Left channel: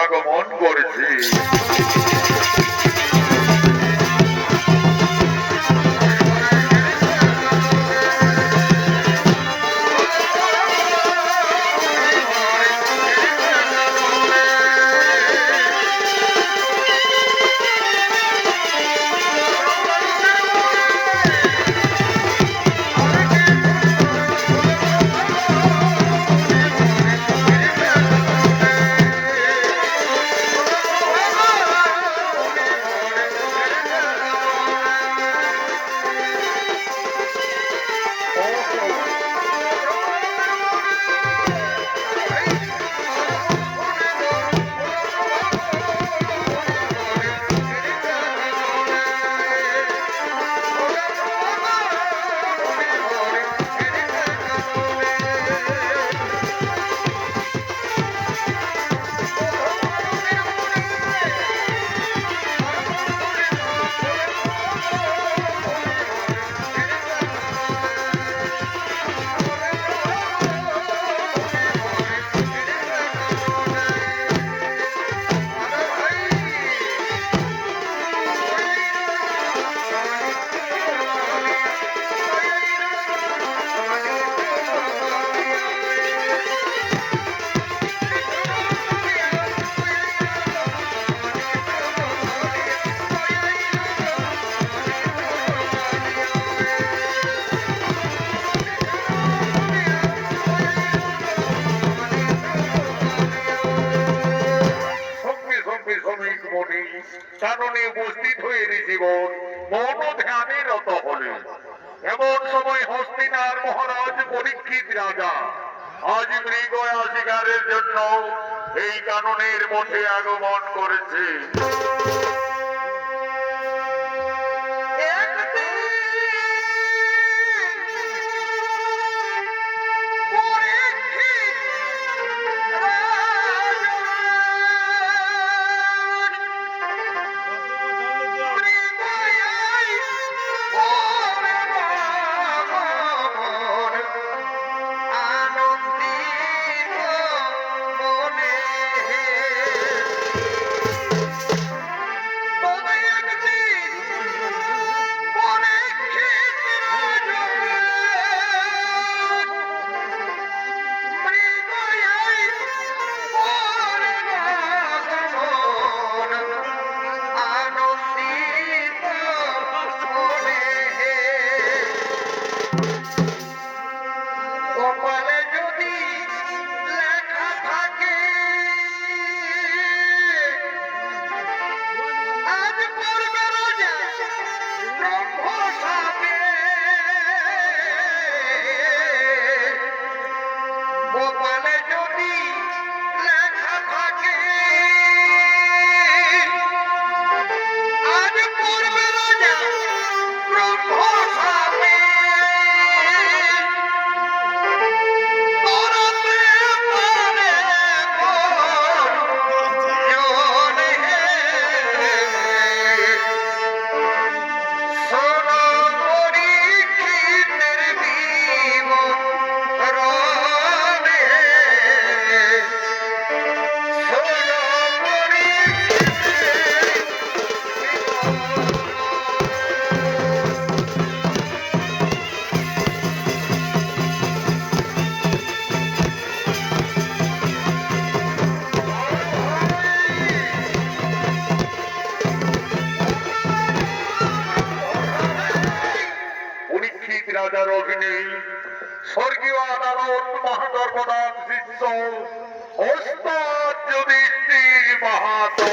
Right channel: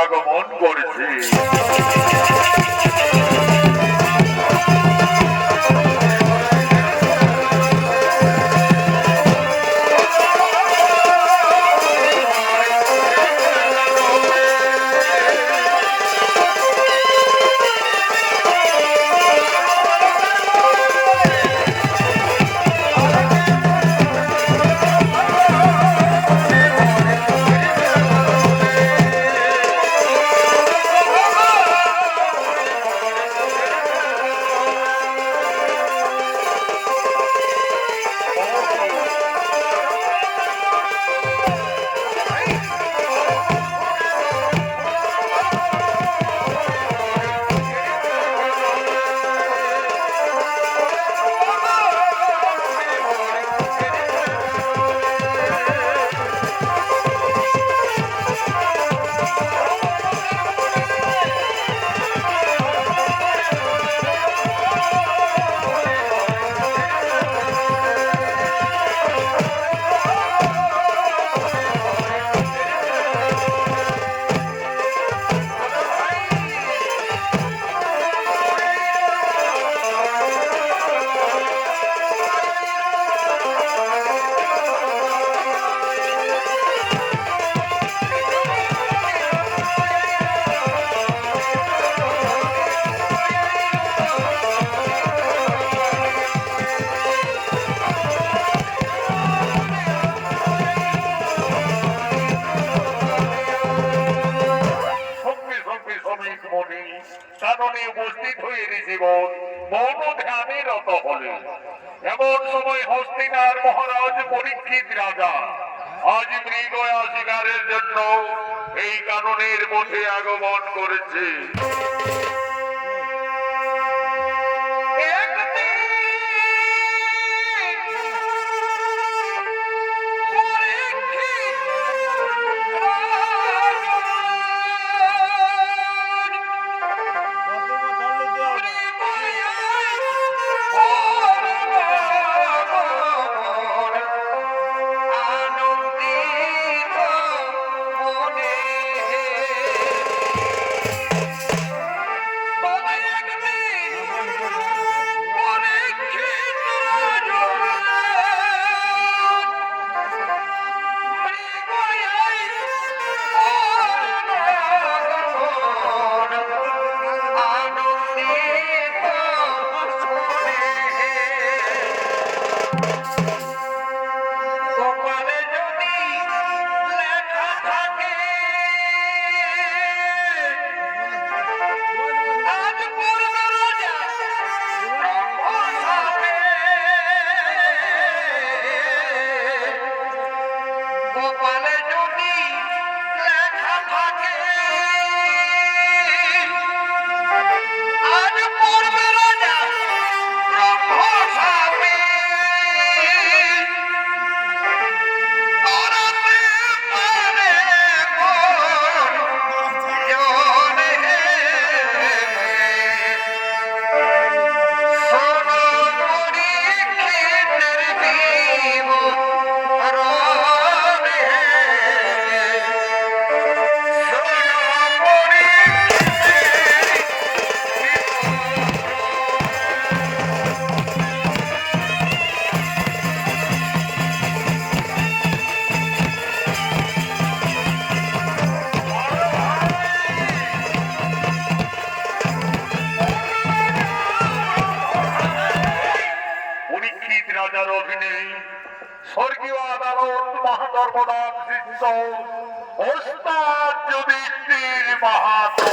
আগমন করেছে। কাননে উপস্থিত হয়ে জীবন মৌন ধ্যানে রত হলেন। এমন সময় হস্তিনার মহারাজ পরীক্ষিত রাজা আজ মৃগয়া শিকারের জন্য এই কাননের মধ্যে আগমন করেছে। রাজার অভিনয় স্বর্গীয় আদালত মহাধর্মনাথ শিষ্য ওস্তাদ যুধিষ্ঠির মাহাতো।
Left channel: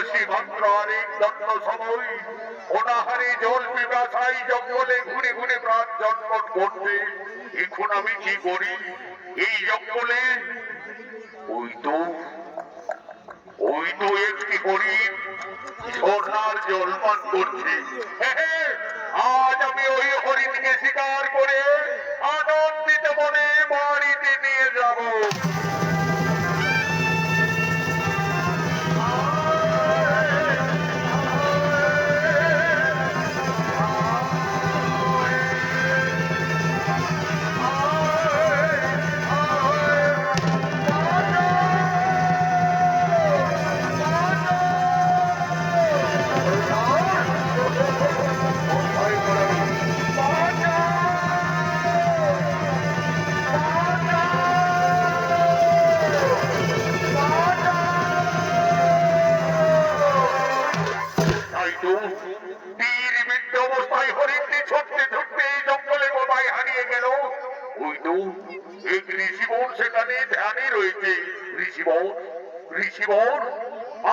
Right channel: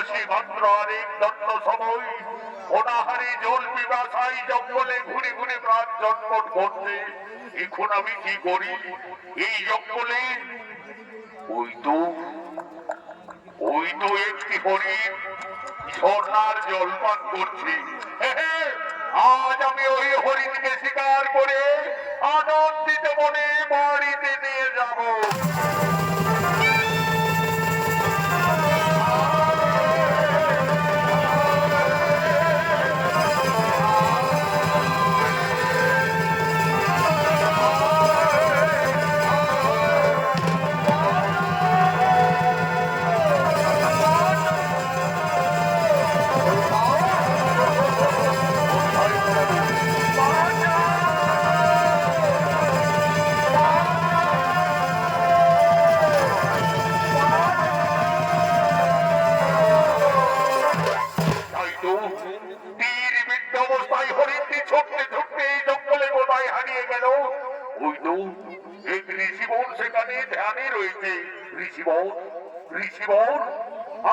আসি মাত্র আরেক দণ্ড সময় অনাহারে জল পিপাসায় জঙ্গলে ঘুরে ঘুরে প্রাণ জন্মট করছে। এখন আমি কি করি? এই জঙ্গলে ওই তো একটি হরিণ ঝর্ণার জল পান করছে। আজ আমি ওই হরিণকে শিকার করে আনন্দিত মনে বাড়িতে নিয়ে যাব।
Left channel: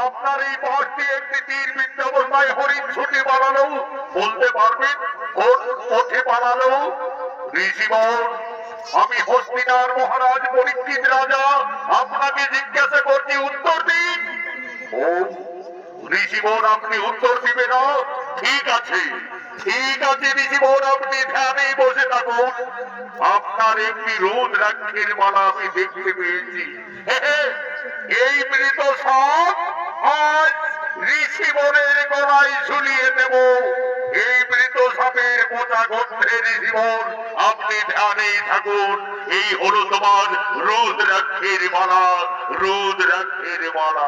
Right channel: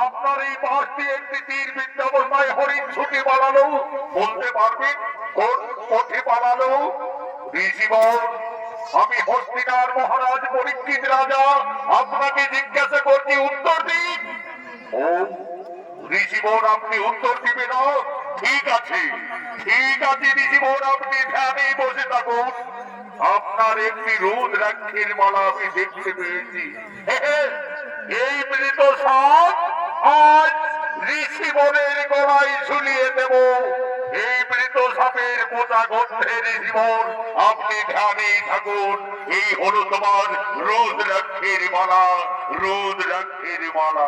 আপনার এই পাশ দিয়ে একটি তীর বিদ্ধ অবস্থায় হরিণ ছুটে পালালো, বলতে পারবেন কোন পথে পালালো? ঋষিবর, আমি হস্তিনার মহারাজ পরীক্ষিত রাজা আপনাকে জিজ্ঞাসা করছি, উত্তর দিন। ও ঋষিবর, আপনি উত্তর দিবে না? ঠিক আছে ঋষিবর, আপনি ধ্যানে বসে থাকুন। আপনার একটি রুদ্রাক্ষের মালা আমি দেখতে পেয়েছি। এই মৃত সাপ আজ ঋষিবরের গলায় ঝুলিয়ে দেব। এই মৃত সাপের মোটা গন্ধের ঋষিবর, আপনি ধ্যানেই থাকুন। এই হলো তোমার রুদ্রাক্ষের মালা, রুদ্রাক্ষের মালা।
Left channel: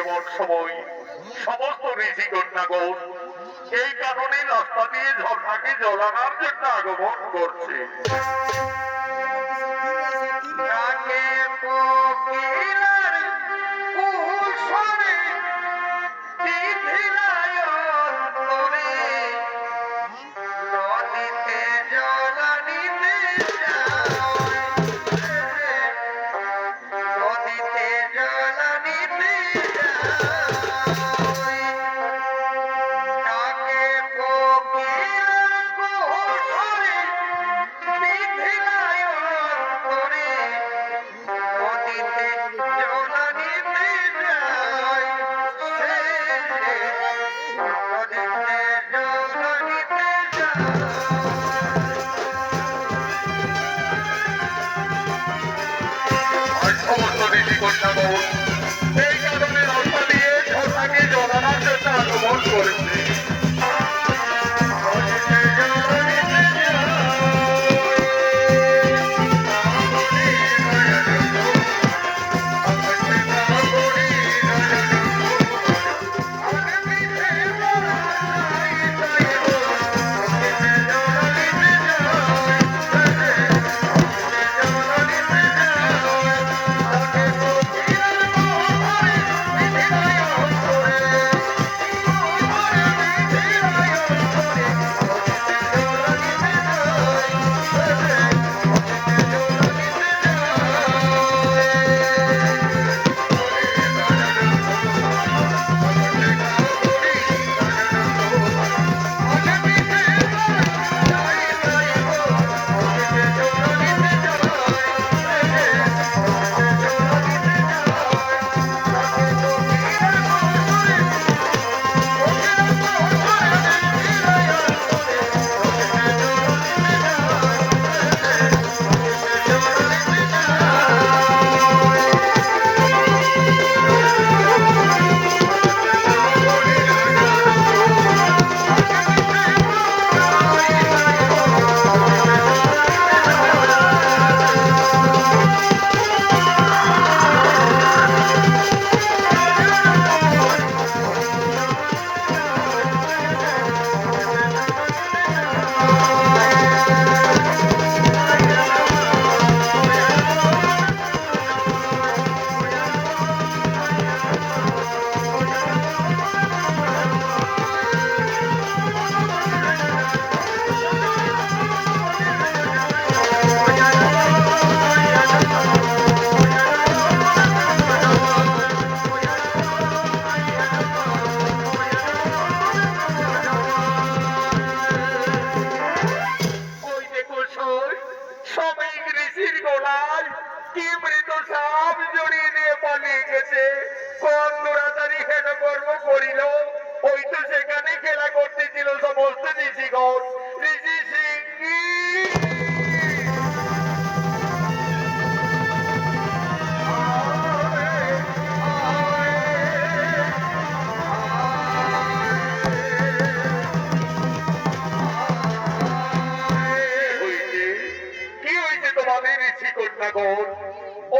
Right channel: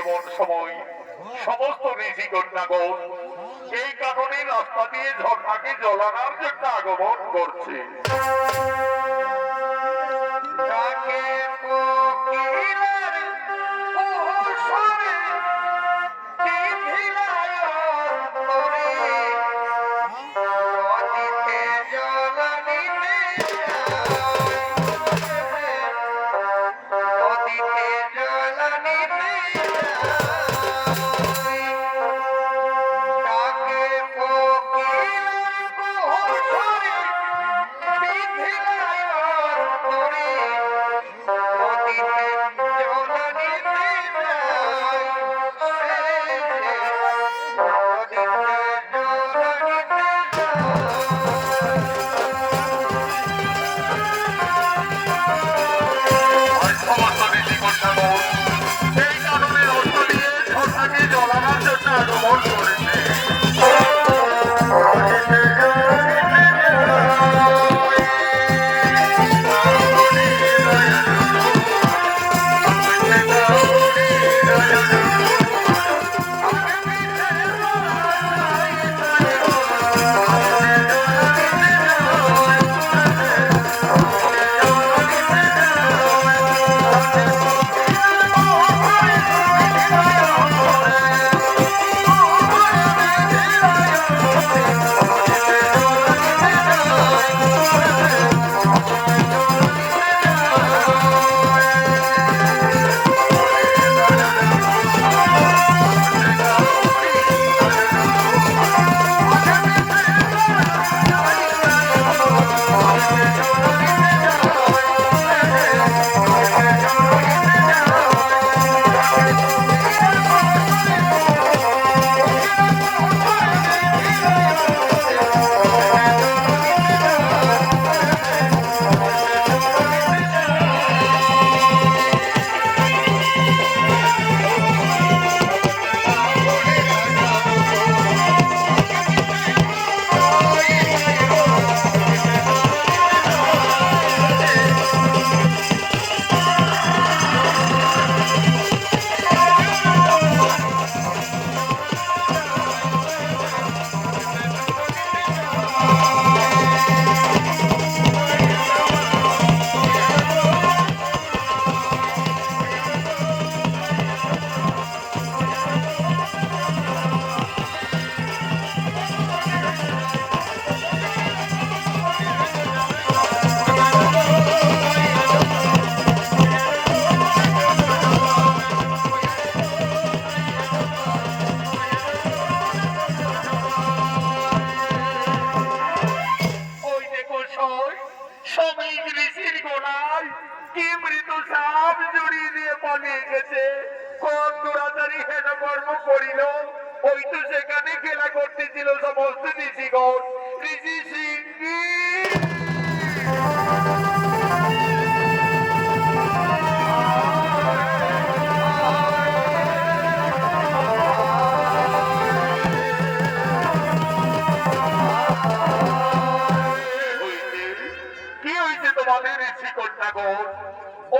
এমন সময় সমস্ত ঋষি কন্যাগণ এই কারণে রাস্তা দিয়ে ঝর্ণাকে জল আনার জন্য আগমন করছে। বিষয় শ্রমিক ঋষির গলায় কি মৃত সাপ জড়িয়ে দিয়ে পালিয়ে গেছে। কোন দুরাচারী হেন কর্ম করিল, ওই তো সেখানে খেলা করতেছিল সমস্ত ঋষিগণ। ঋষি সিংহী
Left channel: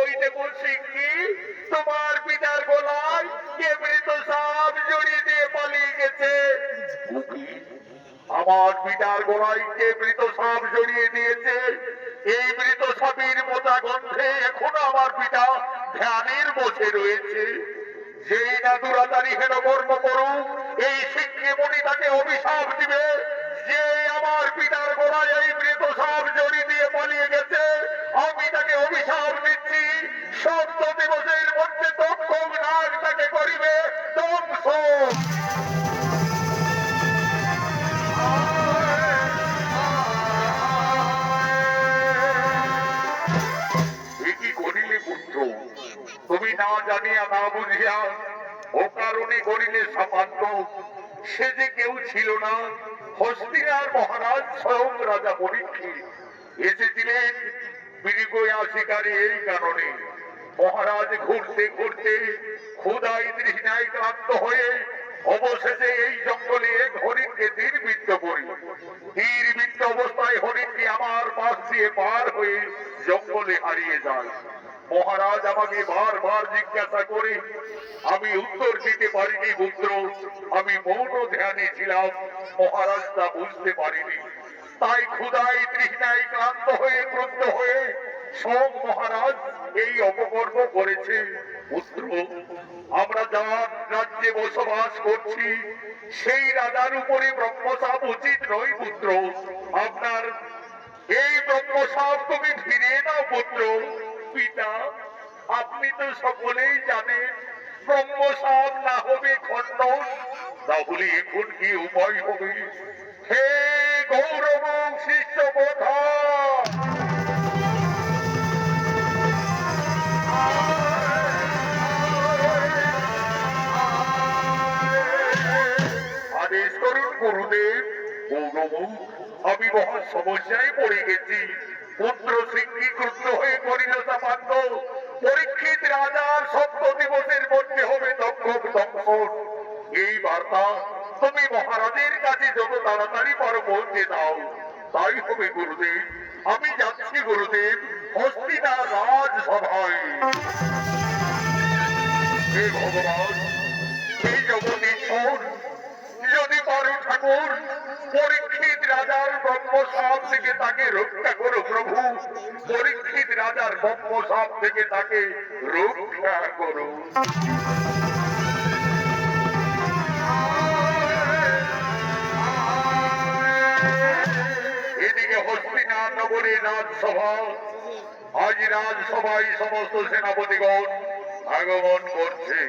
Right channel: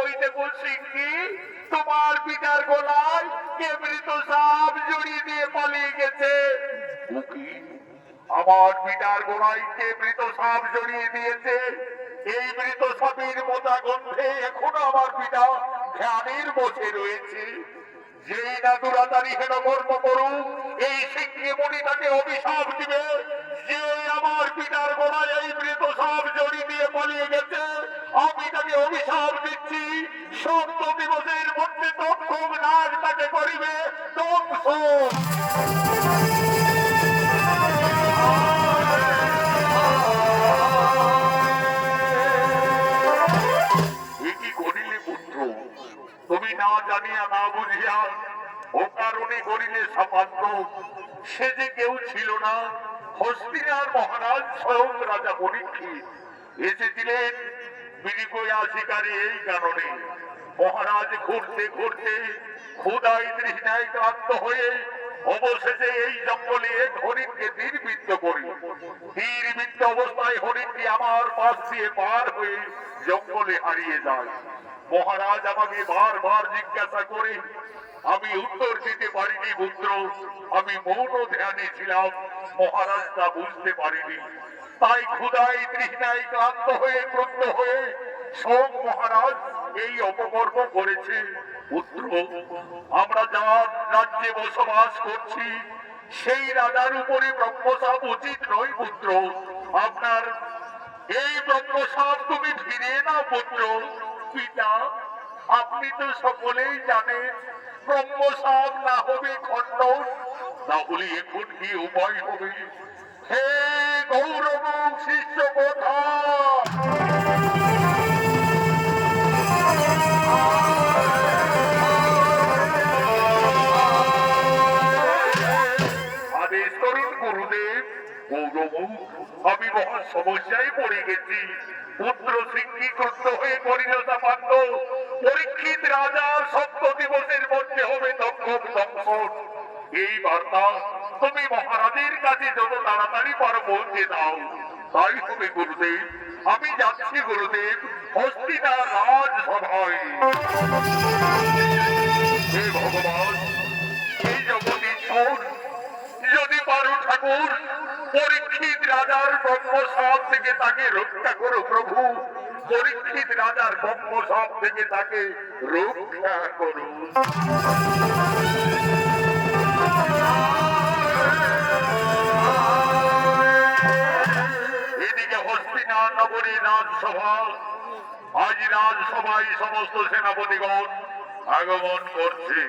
ওই দেখো সিংহী, তোমার পিতার গলায় কে মৃত সাপ জড়িয়ে দিয়ে পালিয়ে গেছে। আমার পিতার গলায় কে মৃত সাপ জড়িয়ে দিয়েছে? এই মৃত সাপের মোটা গন্ধে এখনো আমার পিতা ধ্যানের বসে রয়েছে। যেই না দুরাচারী হেন কর্ম করুক, এই সিংহী মুনি তাকে অভিশাপ দিবে যে আমার পিতার গলায় এই মৃত সাপ জড়িয়ে দিয়ে পালিয়ে গেছে। আমি তাকে অভিশাপ দিচ্ছি, ৭০ দিবসের মধ্যে তক্ষক নাগ তাকে করিবে ধ্বংস। কি করিলে পুত্র? তুমি না জানিয়া না বুঝিয়া ও কারণে করিলে সামান্য। সে যে কেউ ছিল না, হস্তিনার মহারাজ স্বয়ং রাজা পরীক্ষিত এসেছিলেন মৃগয়া শিকারে। এই কারণে মহারাজ ঘুরতে ঘুরতে ক্ষুধায় তৃষ্ণায় ক্লান্ত হয়ে অবশেষে এই জঙ্গলে এক হরিণকে তীরবিদ্ধ করি। তীরবিদ্ধ অবস্থায় হরিণটি আমার পাশ দিয়ে পার হয়ে জঙ্গলে হারিয়ে যায়। মহারাজ আমাকে বারবার জিজ্ঞাসা করে, আমি উত্তর দিতে পারিনি পুত্র। আমি মৌন ধ্যানে ছিলাম, মহারাজ তা বুঝতে পারিনি। তাই ক্ষুধায় তৃষ্ণায় ক্লান্ত হয়ে ক্রুদ্ধ হয়ে স্বয়ং মহারাজ এই অপকর্ম করেছে। পুত্র, আমরা যার রাজ্যে বসবাস করছি সেই রাজার উপরে ব্রহ্মশাপ উচিত নয় পুত্র। আপনার এই ব্রহ্মশাপ তুমি ফিরিয়ে নাও পুত্র। পিতা, আপনি তো সকলেই জানেন ব্রহ্মশাপ না হবে খণ্ডন। তাহলে এখন কি উপায় হবে? হে গৌরব শিষ্য কথা, আদেশ করুন গুরুদেব। গৌরব, আমি মহা সমস্যায় পড়ে গেছি। পুত্র সিংহী ক্রুদ্ধ হয়ে করিল চাপান্ত। পরীক্ষিত রাজা ৭০ দিবসের মধ্যে হবে তক্ষক দংশন। এই বার্তা তুমি মহারাজের কাছে যত তাড়াতাড়ি পারো পৌঁছে দাও। তাই হবে গুরুদেব। আমি যাচ্ছি গুরুদেব হস্তিনা রাজসভায়। হে ভগবান, এই জগদীশ্বর, যদি পারো ঠাকুর পরীক্ষিত রাজার ব্রহ্মশাপ থেকে তাকে রক্ষা করো প্রভু। পরীক্ষিত রাজার ব্রহ্মশাপ থেকে তাকে রক্ষা করো। এদিকে হস্তিনাথ নগরে রাজসভা। আজ রাজসভায় সমস্ত সেনাপতিগণ আগমন করছে।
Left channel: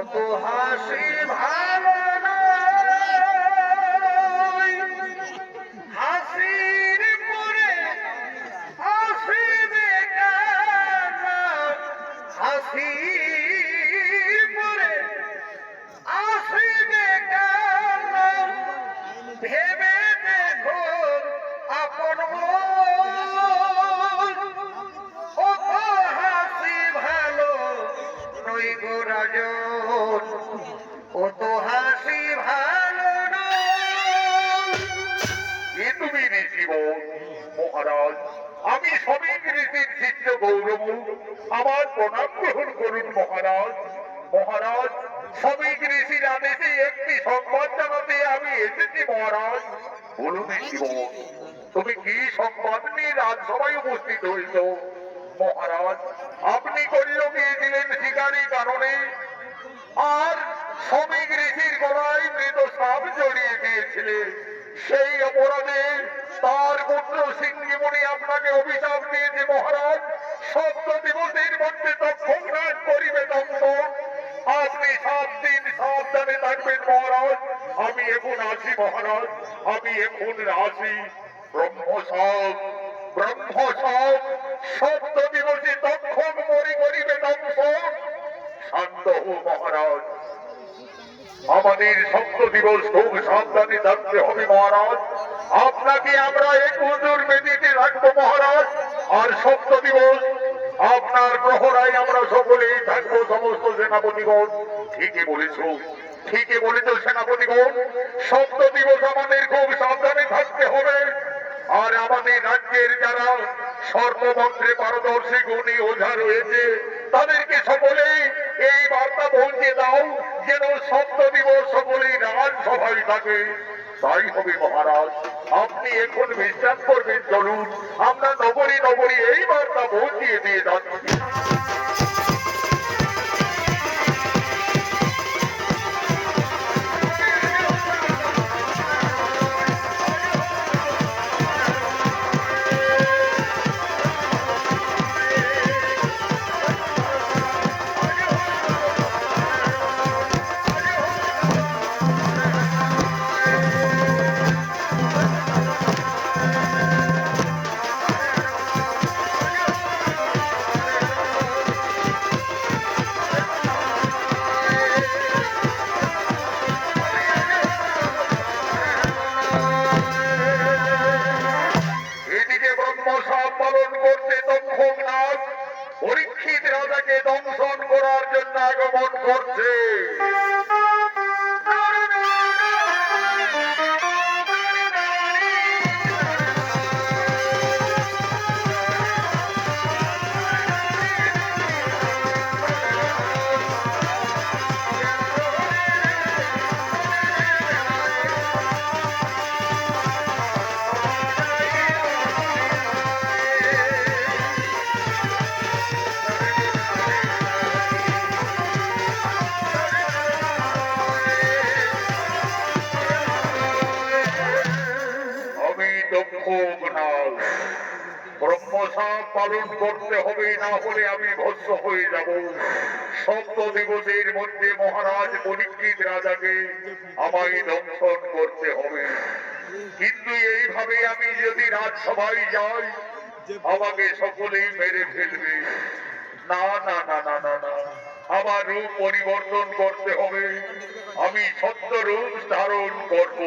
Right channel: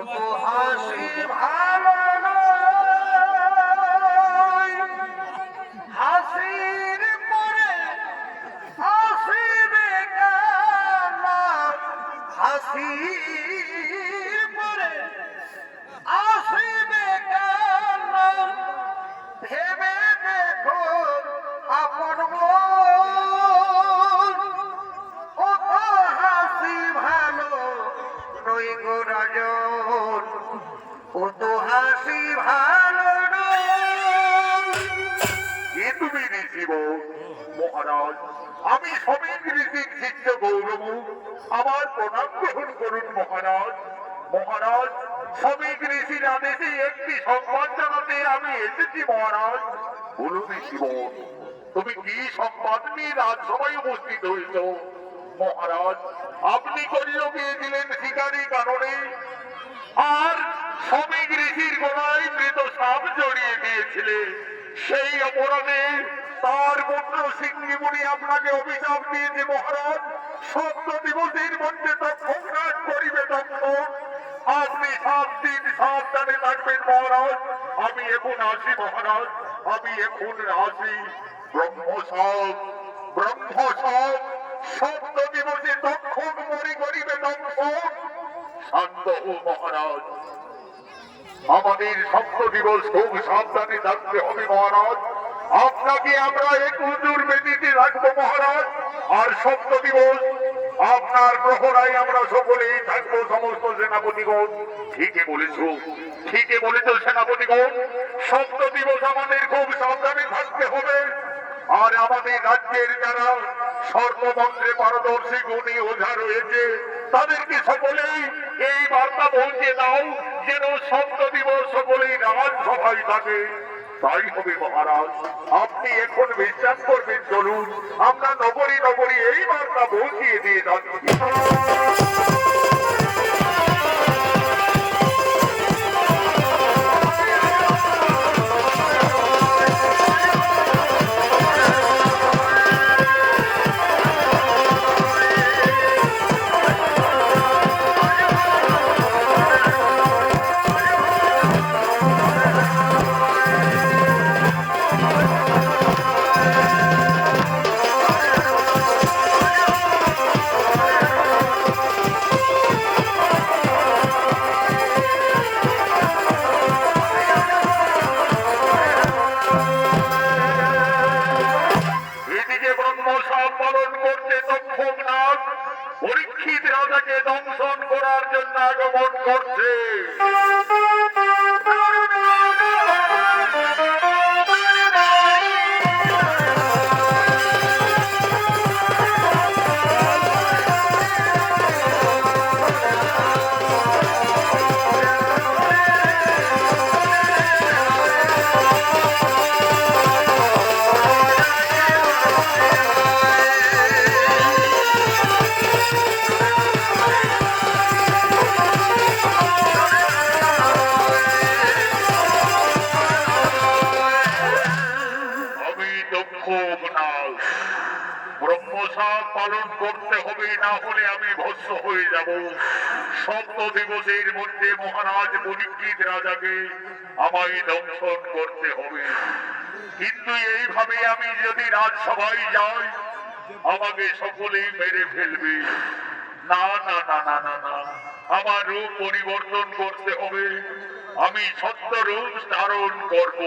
কত হাসি ভালো নয়, হাসির পরে আসিবে কান্না, হাসির পরে আসিবে কান্না, ভেবে দেখো আপন মন, কত হাসি ভালো নই গো রাজন, কত হাসি ভালো নয়। এ তুমি ঋষিব মহারাজ, আমি শ্রমিক ঋষির শিষ্য গৌরব, আমার প্রণাম গ্রহণ করুন মহারাজ। মহারাজ, শ্রমিক ঋষির আদেশে একটি সংবাদ জানাতে আমি এসেছি মহারাজ। বলুন ঋষিব, তুমি কি সংবাদ নিয়ে রাজসভায় উপস্থিত হয়েছ? মহারাজ, আপনি কল্য গিয়েছিলেন শিকারী কাননে, আর শ্রমিক ঋষির গলায় মৃত সাপ জড়িয়ে দিয়েছিলেন। সেই অপরাধে তার পুত্র সিংহীমণি আপনাকে অভিশাপ দিয়েছে মহারাজ। ৭০ দিবসের মধ্যে তৎক্ষণাৎ করিবে দংশন। আপনি ৭ দিন সাবধানে থাকবেন মহারাজ। আমি এখন আসি মহারাজ, আমি এখন আসি। ব্রহ্মসাপ, ব্রহ্মসাপ, ৭০ দিবসে তৎক্ষণ করিবে দংশন। শান্ত হো মহারাজ, আমাদের ৭০ দিবস খুব সাবধানে থাকতে হবে মহারাজ। আপনাকে আমরা এক হুজুর বেদিতে রাখবো মহারাজ, আর ৭০ দিবস আপনার প্রহরায় আমরা সকলেই থাকবো সমস্ত সেনাপতিগণ। ঠিকই বলেছো, ঠিকই বলেছো সেনাপতিগণ, ৭০ দিবস আমাদের খুব সাবধানে থাকতে হবে। আর আমাদের রাজ্যের যারা সর্বমন্ত্রে পারদর্শী গুণী ওঝা রয়েছে, তাদেরকে সকলেই এই বার্তা পৌঁছে দাও যেন ৭০ দিবস সকলেই রাজসভায় থাকে। তাই হবে মহারাজ, আপনি এখন বিশ্রাম করবেন। চলুন, আমরা নগরী নগরী এই বার্তা পৌঁছিয়ে দিয়ে যাচ্ছি। পরীক্ষিত রাজাকে দংশন করার জন্য আগমন করছে। ব্রহ্মসাপ পালন করতে হবে, না হলে আমি ভস্ম হয়ে যাব। ৭০ দিবসের মধ্যে মহারাজ পরীক্ষিত রাজাকে আমায় দংশন করতে হবে। কিন্তু এইভাবে আমি যদি রাজসভায় যাই, আমাকে সকলেই মেরে ফেলবে। না না না না না না, আমার রূপ পরিবর্তন করতে হবে। আমি সত্য রূপ ধারণ করব।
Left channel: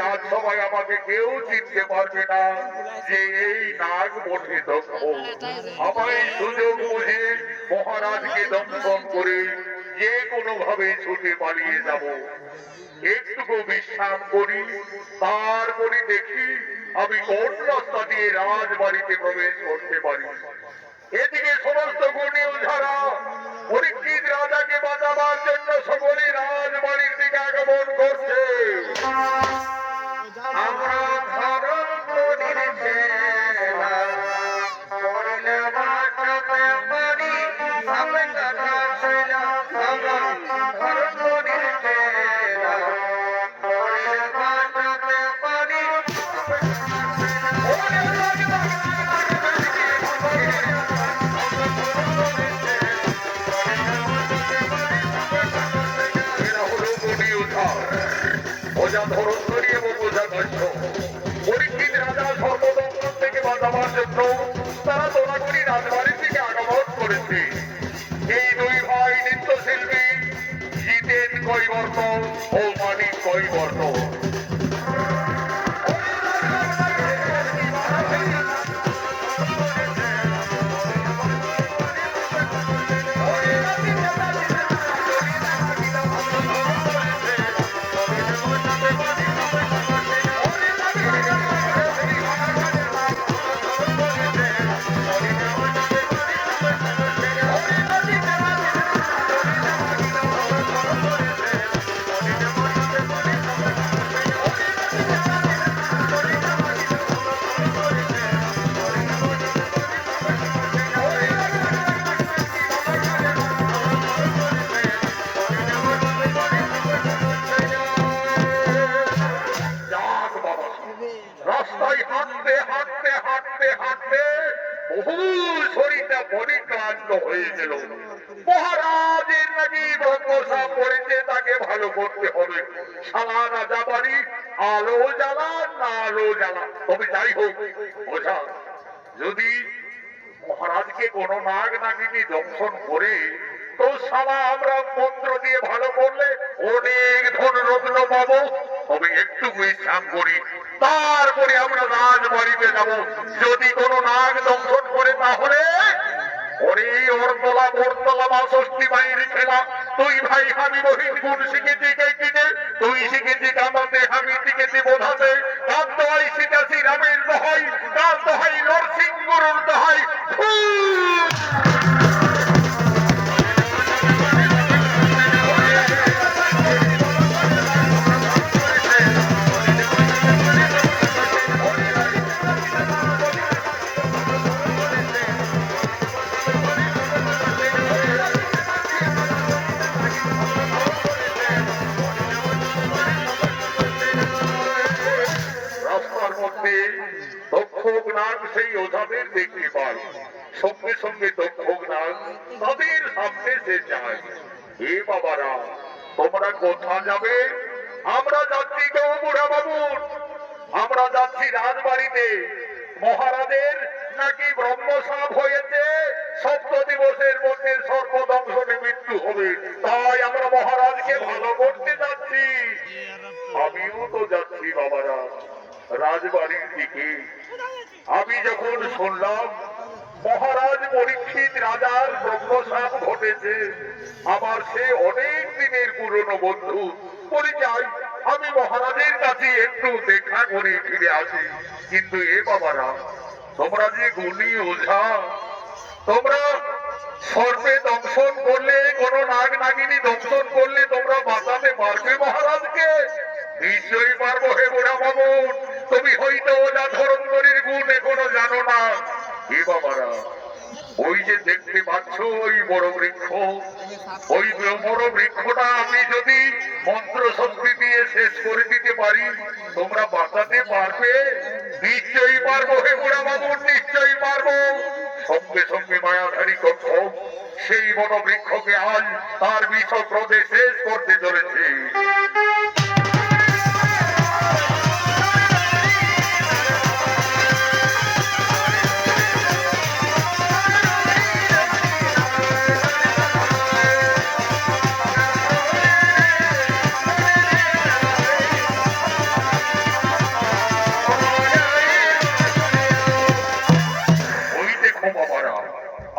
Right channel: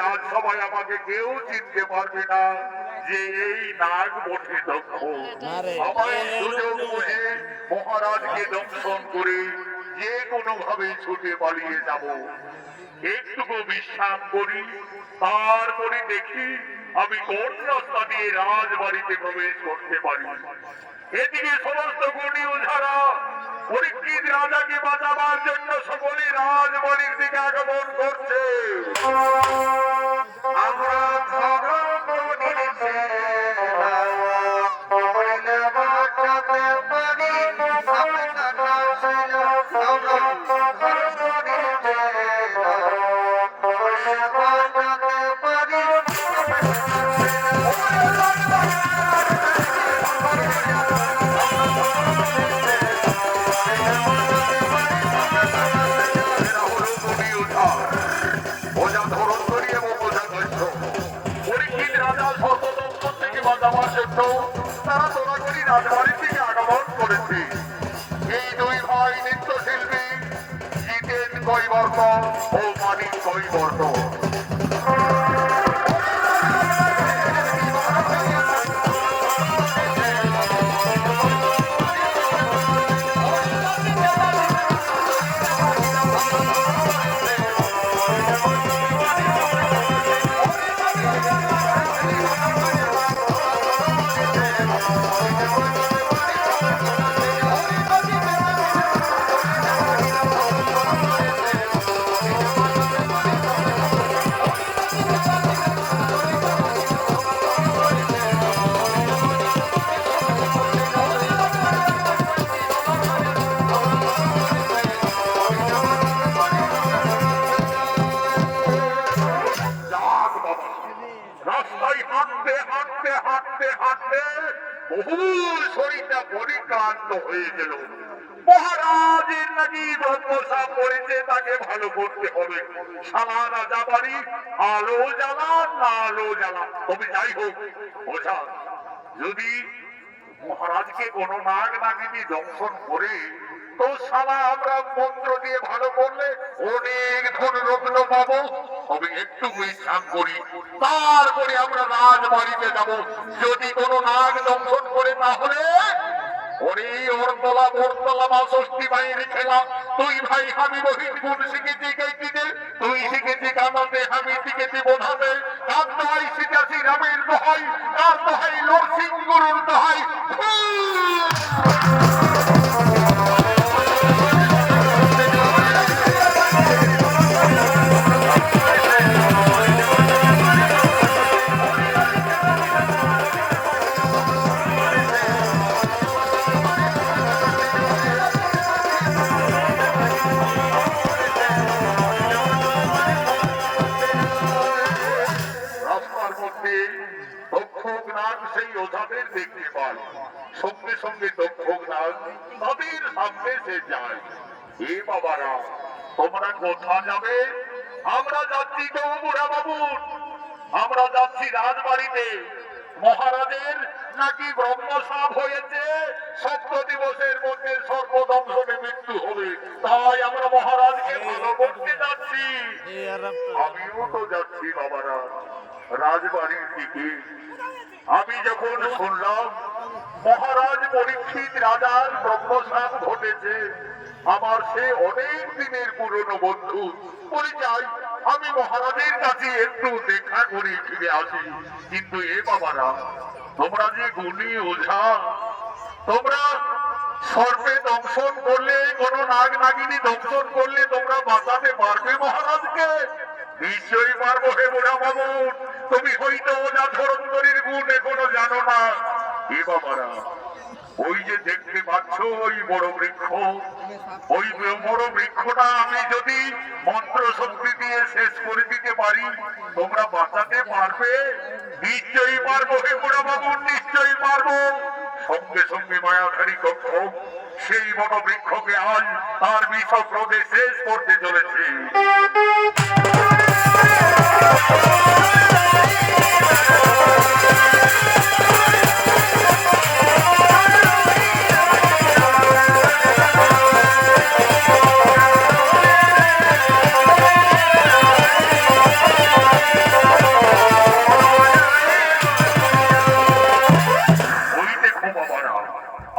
রাজসভায় আমাকে কেউ চিনতে পারবে না যে এই নাগ বটে দক্ষ। আমায় সুযোগ বুঝে মহারাজকে দংশন করে যে কোনো ভাবে ছুটে পালিয়ে যাব। একটুকু বিশ্রাম করি, তারপরে দেখি আমি কোন রাস্তা দিয়ে রাজবাড়িতে প্রবেশ করতে পারি। এদিকে সমস্ত গুণী ওঝারা পরীক্ষিত রাজাকে বাঁচাবার জন্য সকলে রাজবাড়ির দিকে আগমন করছে। আমরা রাস্তায় হাঁটতে হাঁটতে হাঁটতে হাঁটতে বহু শরীরটা পরিক্রান্ত হয়ে গেল। মহারাজের নাকি ব্রহ্মশাপ করেছে, তাকে ভালো করতে হবে। সারা রাজা বাড়ি আলো জ্বালা না আলো জ্বালা, তবে যাই হোক ওঝা, যদি মহারাজকে কোন নাগ নাগিনী দংশন করে তো সালা আমরা মন্ত্র দিয়ে ভালো করলে অনেক ধন রত্ন পাবো। তবে একটু বিশ্রাম করি, তারপরে আমরা রাজবাড়িতে যাব। যদি কোন নাগ দংশন করে তাহলে ওরে অর্ধলা মোরতলা ৬২ বাইরে খেলা। তুই ভাই আমি বহিন গুণ শিখেছি গাইতে, তুই শিখেছি কামাতে, আমি শিখেছি বোঝাতে। গান দোহাই শিখাছি রামের দোহাই, গান দোহাই নরসিংহর দোহাই। রাস্তার মধ্যে দক্ষক নাগ সেই ওঝাদের দেখতে পায়। সঙ্গে সঙ্গে দক্ষক নাগ তাদের সামনে সে যায়। এ বাবারা, তোমরা কোথা যাবে? আমরা যাচ্ছি গো বুড়া বাবুর, আমরা যাচ্ছি রাজবাড়িতে। মহারাজের নাকি ব্রহ্মশাপ হয়েছে, ১৪ দিবসের মধ্যে সর্বদংশনে মৃত্যু হবে। তাই আমরা মহারাজকে ভালো করতে যাচ্ছি। আমিও তো যাচ্ছি বাবারা রাজবাড়ির দিকে। আমি যখন শুনলাম মহারাজ পরীক্ষিত রাজার ব্রহ্মশাপ ঘটেছে, আমার সে অনেক দিনের পুরনো বন্ধু, বলি যাই আমি মহারাজের কাছে একটু দেখা করে ফিরে আসি। কিন্তু এ বাবারা, তোমরা যে গুণী ওঝা, তোমরা সর্পে দংশন করলে, কোন নাগ নাগিনী দংশন করলে তোমরা বাঁচাতে পারবে মহারাজকে? নিশ্চয়ই পারবো হে বুড়া বাবুর। তুমি হয়তো ওঝা ধরন্তরীর গুণ এখনো জানো না। এ বাবারা, ওই যে দেখতে পাচ্ছ ওই বড় বৃক্ষ, ওই বড় বৃক্ষটা আমি যদি মন্ত্র শক্তি দিয়ে শেষ করে দিতে পারি, তোমরা বাঁচাতে পারবে? নিশ্চয়ই পারবো হে বুড়া বাবুর, নিশ্চয়ই পারবো। সঙ্গে সঙ্গে মায়াধারী কক্ষ সেই বড় বৃক্ষকে আজ তার বিষ ক্রোধে শেষ করতে চলেছে।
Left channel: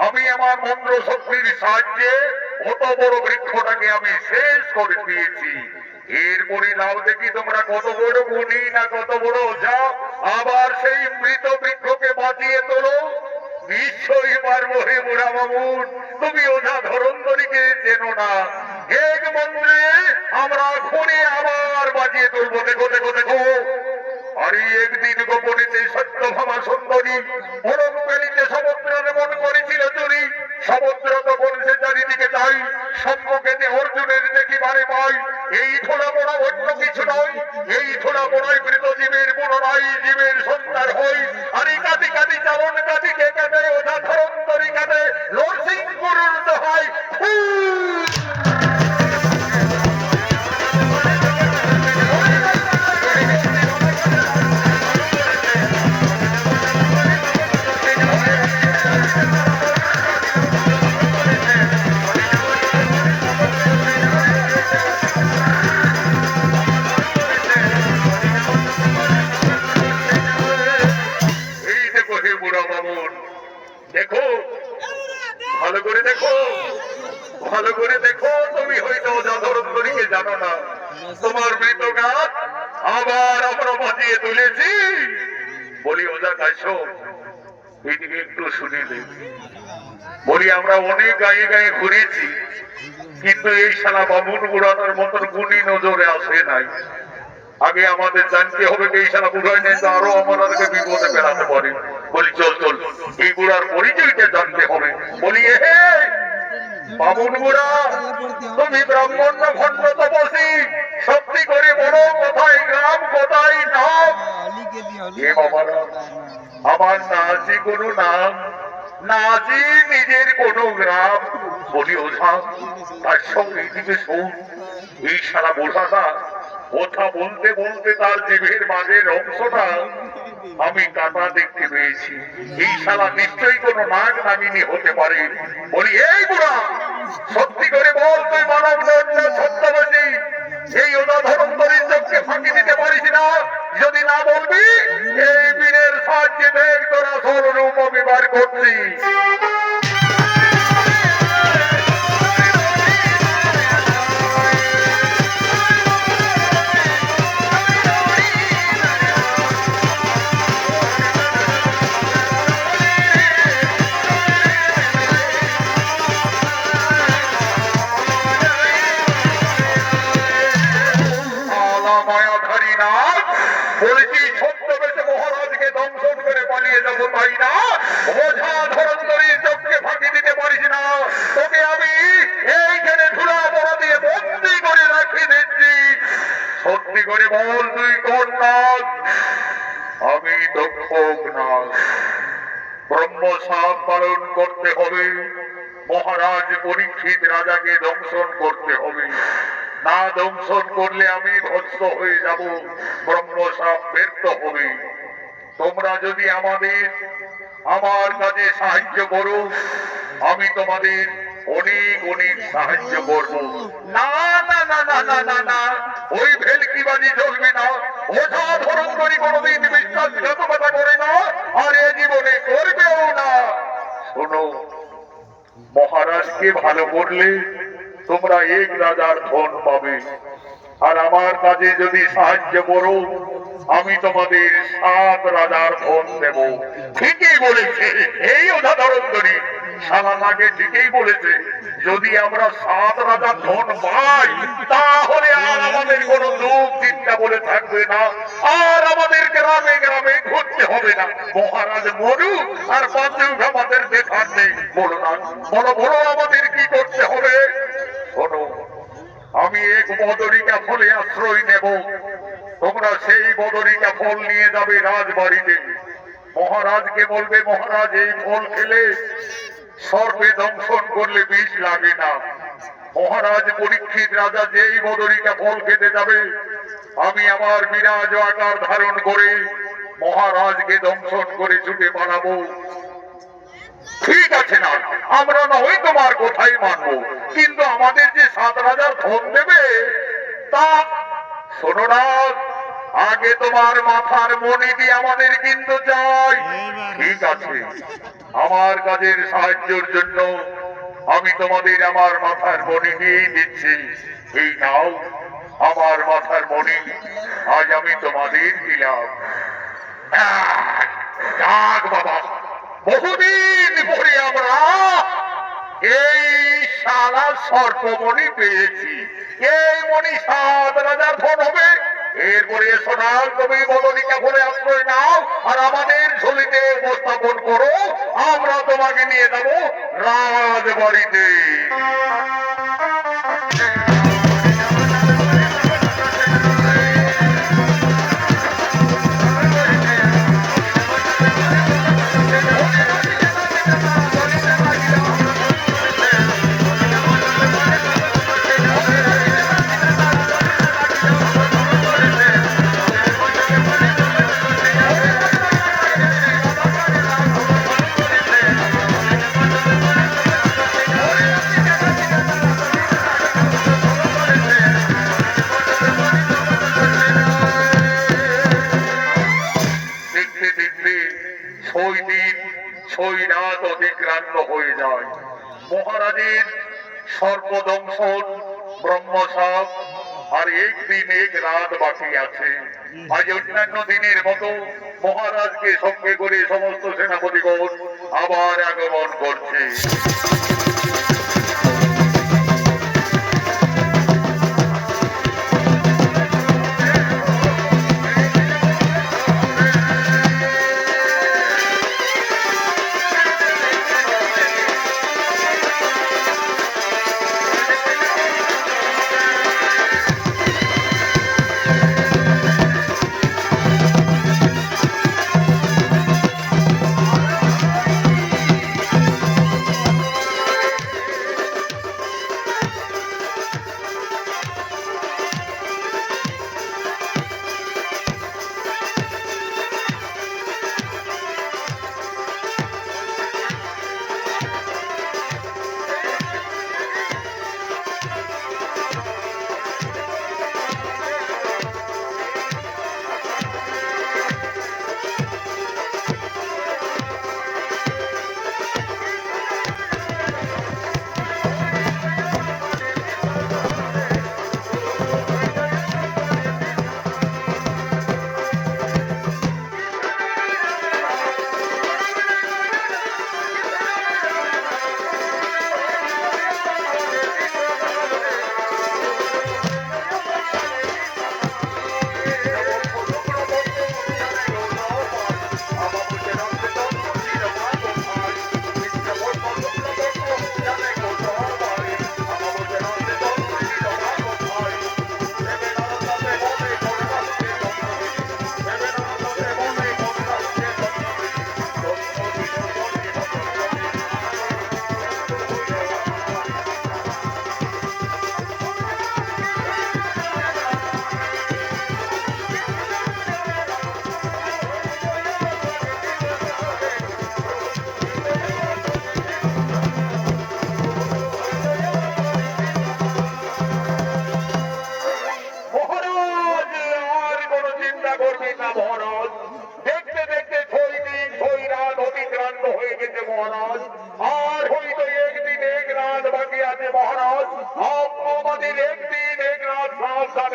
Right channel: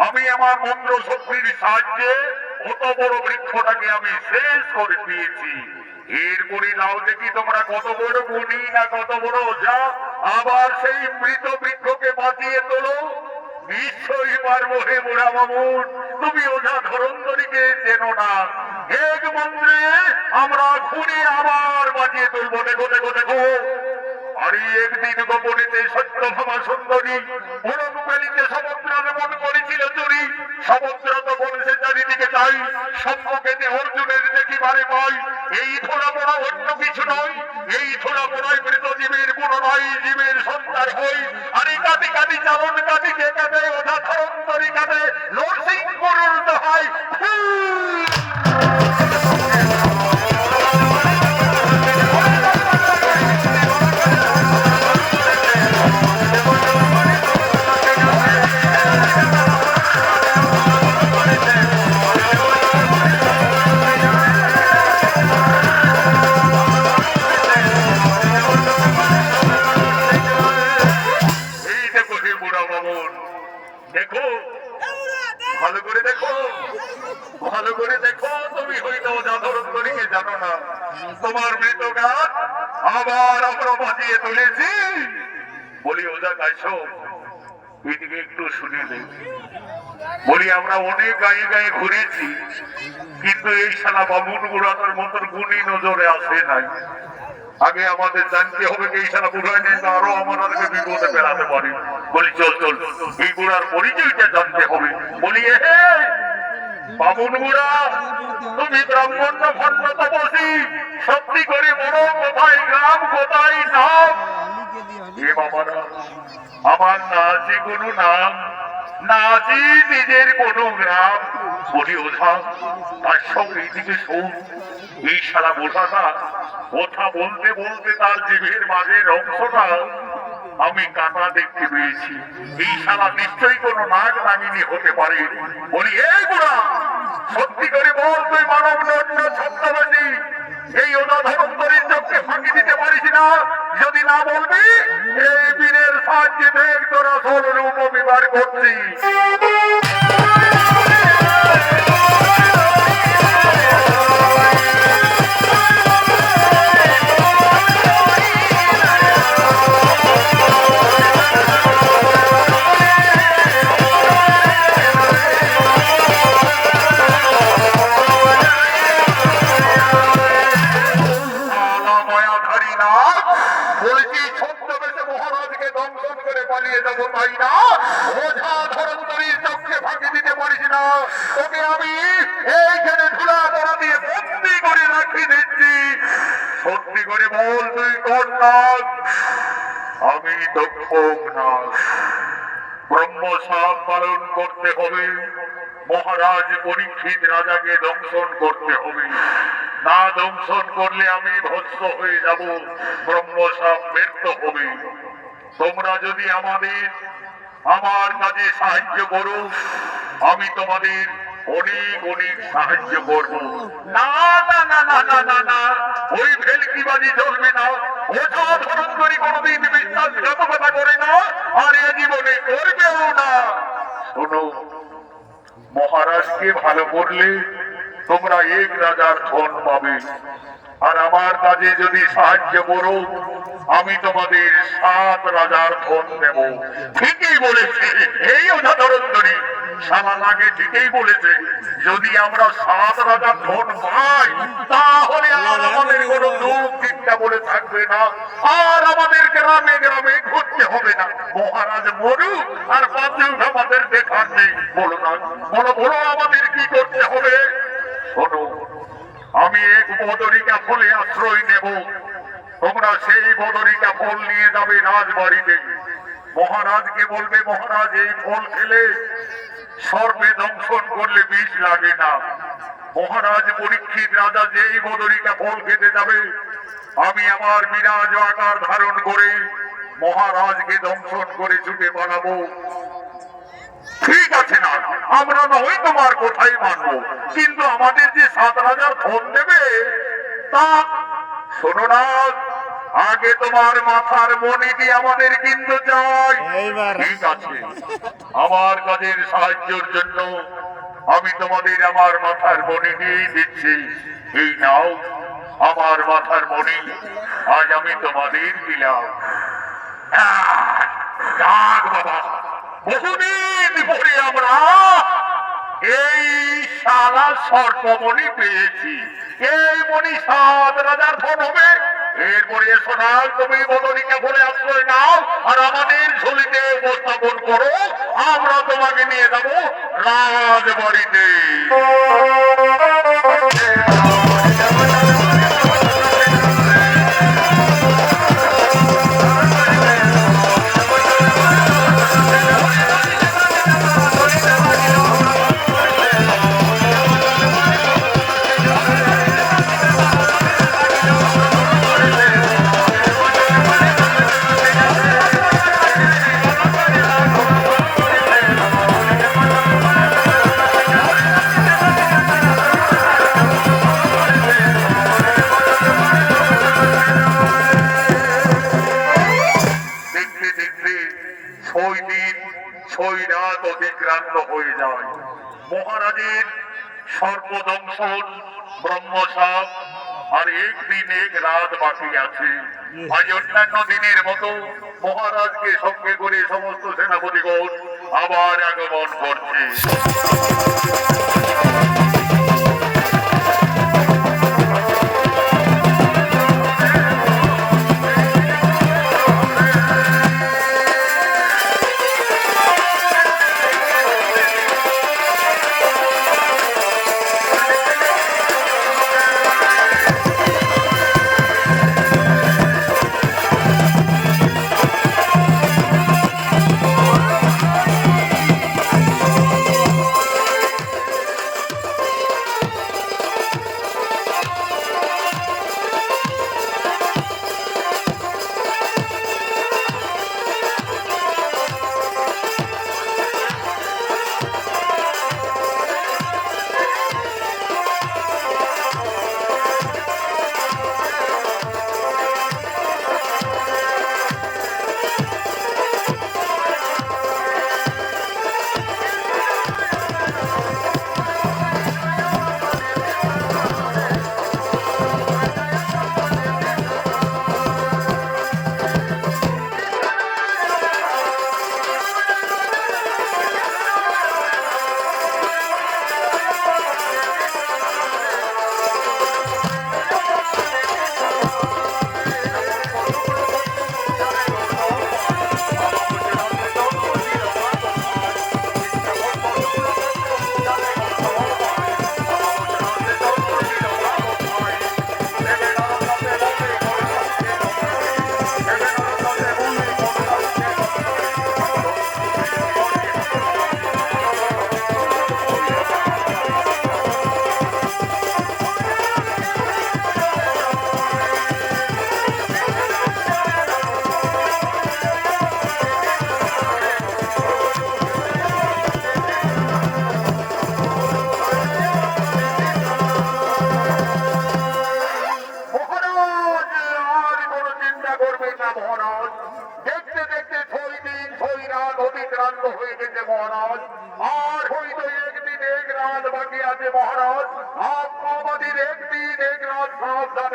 আমি আমার মন্ত্র শক্তির সাহায্যে অত বড় বৃক্ষটাকে আমি শেষ করে দিয়েছি। এরপরে নাও দেখি তোমরা কত বড় গুণী না কত বড় ওঝা, আবার সেই মৃত বৃক্ষকে বাঁচিয়ে তোলো। নিশ্চয়ই পারবো হে বুড়া মামুন। তুমি ওঝা ধরন্তরীকে চেনো না, এক মন্ত্রে আমরা খুঁড়ে আবার বাঁচিয়ে তুলবো। দেখো দেখো দেখো, আরে একদিন গোপনীতে সত্যভামা সুন্দরী বড়কালীতে সমুদ্রের মন করেছিল চুরি। সমুদ্র তখন সে চারিদিকে চাই, সম্মুখেতে অর্জুনের দেখিবারে পাই। এই থোড়া বড় অন্য কিছু নয়, এই থোড়া বড়াই মৃত জীবের পুনরায় জীবের সন্তান হই। আরে কাঁদি কাঁদি চালন কাঁদিকে কাঁদে, ওঝা ধরন্তরী কাঁদে, নরসিংহর দোহাই। দেখো ভালো করে দেখো, ভালো করে দেখো। তুমি হয়তো ওঝা ধরন্তরীকে জানো না, তোমার মৃত গাছ আবার আমরা বাঁচিয়ে তুলেছি। বলি ওঝা কাইছো, এদিকে একটু শুনে নে। বলি আমরা অনেক গায়ে গায়ে ঘুরেছি, কিন্তু এই শালা বামুন বুড়ানোর মতন গুণী নজরে আসে নাই। আগে আমাদের জানতে হবে এই শালা বুড়ায় নাই তো আরো আমাদেরকে বিপদে ফেলাতে পারে। বলি চল চল, এই বুড়ার পরিচয়টা জানতে হবে। বলি হে বামুন বুড়া, তুমি ব্রাহ্মণ না খন্ড তপসী? সত্যি করে বড় কোথায় গ্রাম কোথায় নাম? এ এ বাবারা, আমার না আছে কোনো নাম, না আছে নিজের কোনো গ্রাম। বলি ওঝা, তার সঙ্গে দিকে শোন, এই সারা বোঝাটা কথা বলতে বলতে তার জিভের মাঝের অংশটা আমি কাটা দেখতে পেয়েছি। এই শালা নিশ্চয়ই কোনো নাগ নামিনী হতে পারে। বলি এই বুড়া, সত্যি করে বল, তুই মানব লজ্জা ছদ্মবেশী এই অনাধরন্তরীর চোখকে ফাঁকি দিতে পারিস না? যদি না বলবি, এই বীরের সাহায্যে দেখ তোর আসল রূপ আমি বার করছি। বলছি ছদ্মবেশে মহারাজকে দংশন করে পালিয়ে যাবো তাই না? ওঝা ধরন্তরীর চোখকে ফাঁকি দিতে পারিস না। তোকে আমি এইখানে ধুলা ধরা দিয়ে বন্দি করে রাখি দিচ্ছি। সত্যি করে বল, তুই কোন নাগ? আমি দক্ষ নাগ। ব্রহ্ম সাপ পালন করতে হবে, মহারাজ পরীক্ষিত রাজাকে দংশন করতে হবে। না দংশন করলে আমি ধ্বংস হয়ে যাব, ব্রহ্ম সাপ ব্যর্থ হবে। তোমরা যদি আমার কাজে সাহায্য করো, আমি তোমাদের অনেক অনেক সাহায্য করব। না না না না না না না, ওই ভেলকিবাজি চলবে না। ওঝা ধরন্তরী কোনোদিন বিশ্বাসঘাতকতা করে না, আর এ জীবনে করবেও না। শোনো, মহারাজকে ভালো করলে তোমরা এক রাজার ধন পাবে, আর আমার কাজে যদি সাহায্য করো, আমি তোমাদের 7 রাজার ধন দেব। ঠিকই বলেছে এই ওঝা ধরন্তরী, সারা লাগে ঠিকই বলেছে। যদি আমরা 7 রাজার ধন পাই, তাহলে আর আমাদের কোনো দুঃখ চিন্তা বলে থাকবে না, আর আমাদের গ্রামে গ্রামে ঘুরতে হবে না। মহারাজ মরুক আর বাঁচে আমাদের দেখার নেই। বলো না, বলো বলো, আমাদের কি করতে হবে? শোনো, আমি এক বদরিকা ফলে আশ্রয় নেব। তোমরা সেই বদরিকা ফল নিয়ে যাবে রাজবাড়িতে। মহারাজকে বলবে, মহারাজ এই ফল খেলে সর্বে দংশন করলে বিষ লাগে না। মহারাজ পরীক্ষিত রাজা যেই বদরিকা ফল খেতে যাবে, আমি আমার বিরাজ আকার ধারণ করে মহারাজকে দংশন করে ছুটে পালাবো। ঠিক আছে না, আমরা না ওই তোমার কোথায় মানবো, কিন্তু আমাদের যে 7 রাজার ধন দেবে তা শোনো না, আগে তোমার মাথার মণিটি আমাদের কিন্তু চাই। ঠিক আছে, আমার কাজের সাহায্যের জন্য আমি তোমাদের আমার মাথার মণি নিয়ে দিচ্ছি। এই নাও আমার মাথার মণি, আজ আমি তোমাদের দিলাম। যাক বাবা, বহুদিন পরে আমরা এই শালা সর্পমণি পেয়েছি। এই মণি 7 রাজার ধন হবে। এরপরে এসো না, তুমি বদরিকা ফলে আশ্রয় নাও, আর আমাদের ঝুলিতে উপস্থাপন করো। আমরা তোমাকে নিয়ে যাবো রাজবাড়িতে। মহারাজের সর্বদংশন ব্রহ্মসাপ আর একদিন এক রাত বাকি আছে। আজ অন্যান্য দিনের মতো মহারাজকে সঙ্গে করে সমস্ত সেনাপতিগণ আবার আগমন করছে।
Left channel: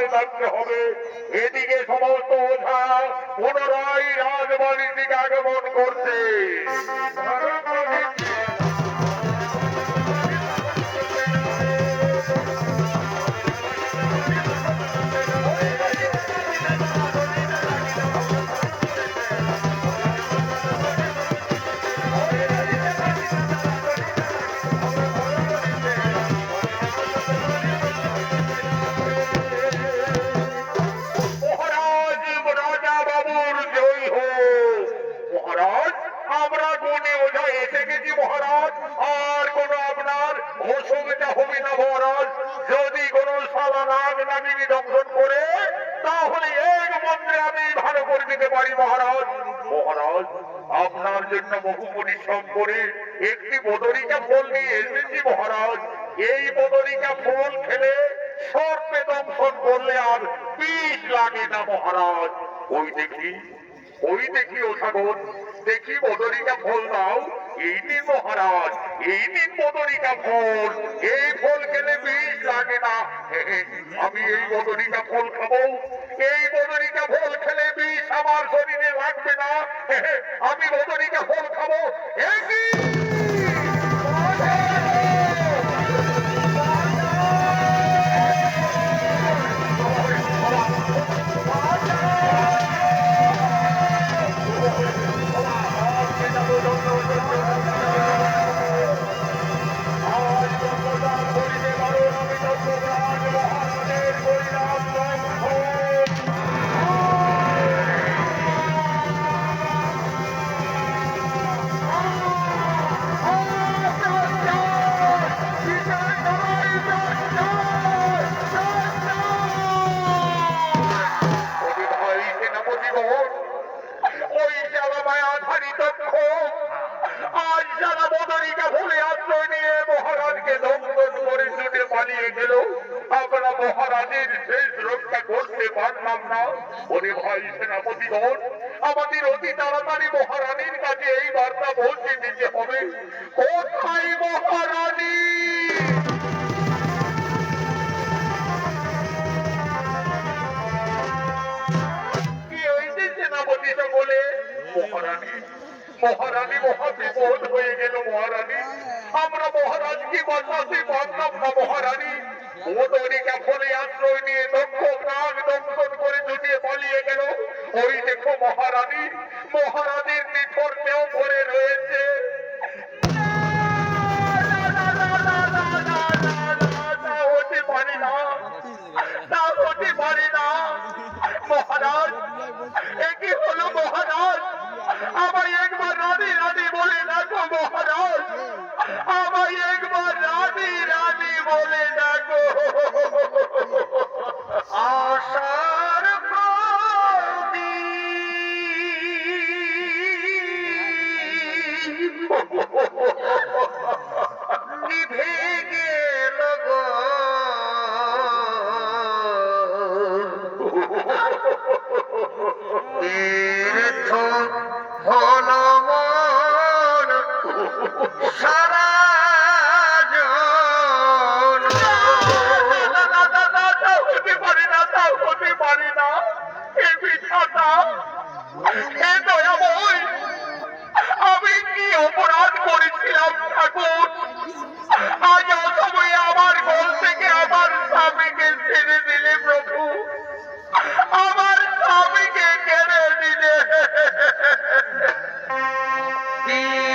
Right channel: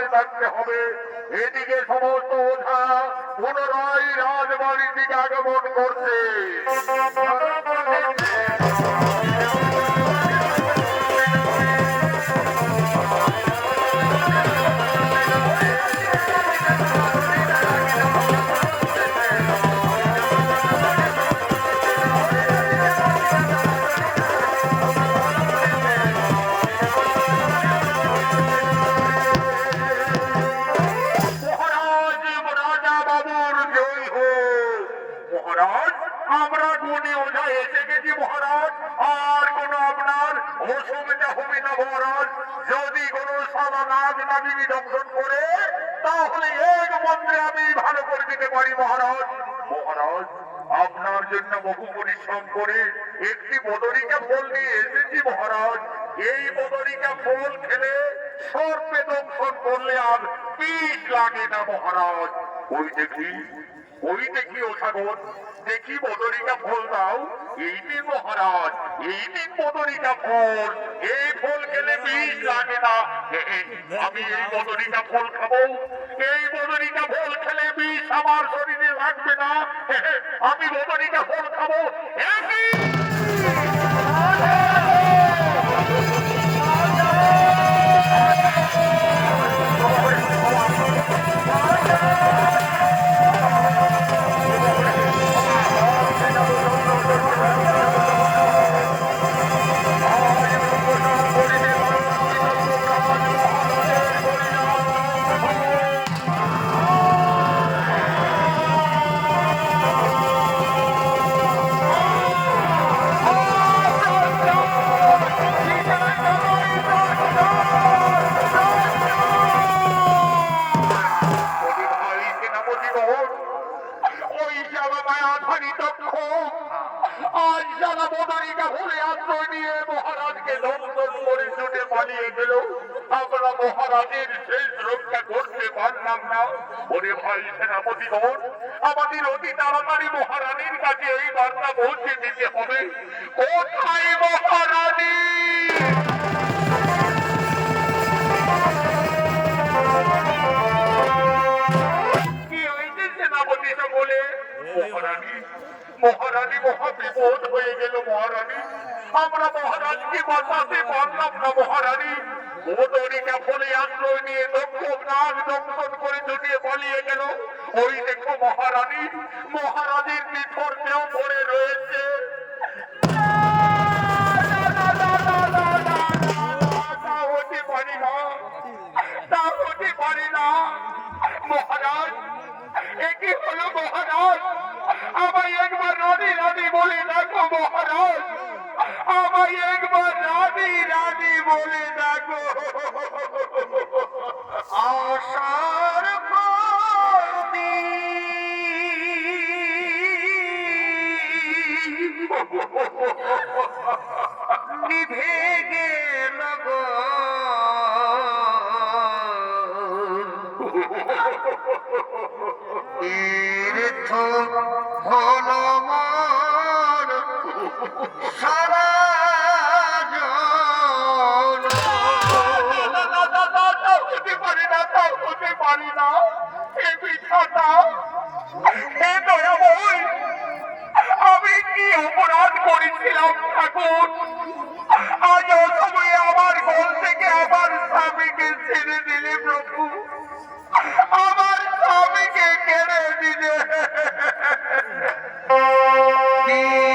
সাবধানে থাকতে হবে। এদিকে সমস্ত ওঝা পুনরায় রাজবাড়ির দিকে আগমন করছে। মহারাজ রাজা বাবুর জয় হোক। মহারাজ আমরা গুণী ওঝা এসে গেছি মহারাজ। আর কোনো আপনার অসুবিধা হবে না মহারাজ। যদি কোনো সালা নাগ নাগিনী দংশন করে তাহলে এক মন্ত্রে আমি ভালো করে দিতে পারি মহারাজ। মহারাজ আপনার জন্য বহু পরিশ্রম করে একটি বদরিকা ফল নিয়ে এসেছি মহারাজ। এই বদরিকা ফল খেলে সর্পে দংশন করলে আর বিষ লাগে না মহারাজ। ওই দেখি ও সাগর, দেখি বদরিকা ফল দাও। এই নিন মহারাজ, এই নিন বদরিকা ফল। এই ফল খেলে বিষ লাগে না। আমি এই বদরিকা ফল খাবো। এই বদরিকা ফল খেলে বিষ আমার শরীরে লাগবে না। আমি বদরিকা ফল খাবো। একই ওই জ্বালা মায়াধারী দক্ষ আজ জ্বালা বদরিকা ভুলে আশ্রয় নিয়ে মহারাজকে দংশন করে ছুটে পালিয়ে গেল। আমরা মহারাজের শেষ রক্ষা করতে পারলাম না। ওরে ভাই সেনাপতিগণ, আমাদের অতি তাড়াতাড়ি মহারানীর কাছে এই বার্তা পৌঁছে দিতে হবে। কোথায় মহারানী? বলে মহারানী মহারানী মহা বিপদ হয়ে গেল মহারানী। আমরা মহারাজকে বাঁচাতে পারলাম না মহারানী। বদরিকা ফলে আশ্রয় নিয়ে দক্ষ নাগ দংশন করে ছুটিয়ে পালিয়ে গেল। ওই দেখো মহারানী, মহারানীর নিথর দেহ পড়ে রয়েছে। হতে পারি না, তা হতে পারি না মহারাজ। একই হলো মহারাজ, আমায় একবার রানী রানী বলে ডাকো মহারাজ। আমায় একবার রানী রানী বলে ডাকো। আশার নিভে গেল গো, তীর্থ হল মন সারা জন। হতে পারি না, তাও হতে পারি না। এ মিথ্যাটা, এ দয়াময়, আমি কি অপরাধ করেছিলাম ঠাকুর? আজ অসময়ে আমার কোল থেকে আমার স্বামীকে ছেড়ে দিলে প্রভু। আমার স্বামীকে কেড়ে দিলে। এই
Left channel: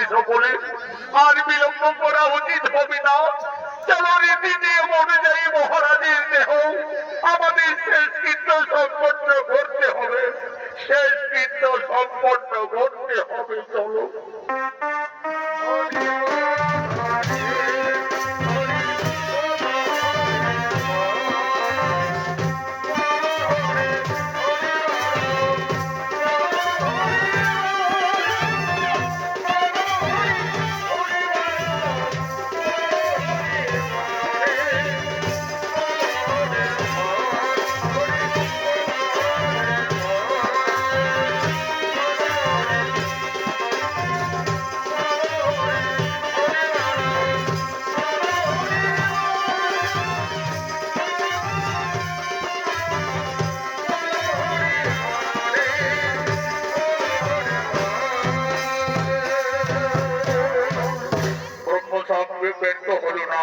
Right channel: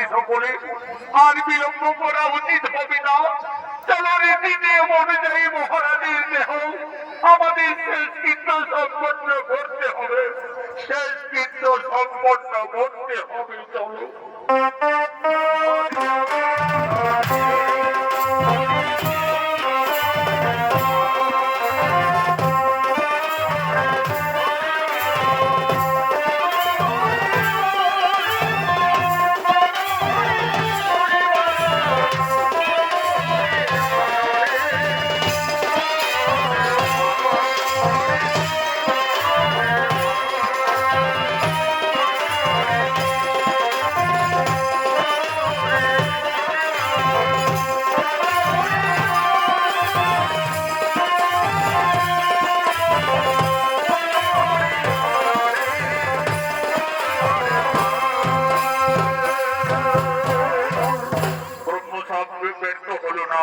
হবে সকলে, আর বিলম্ব করা উচিত হবে না। চলো রীতি নিয়ম অনুযায়ী মহারাজের দেহ আমাদের শেষ কৃত্য সম্পন্ন করতে হবে, শেষ কৃত্য সম্পন্ন করতে হবে। চলো। ব্যর্থ হলো না,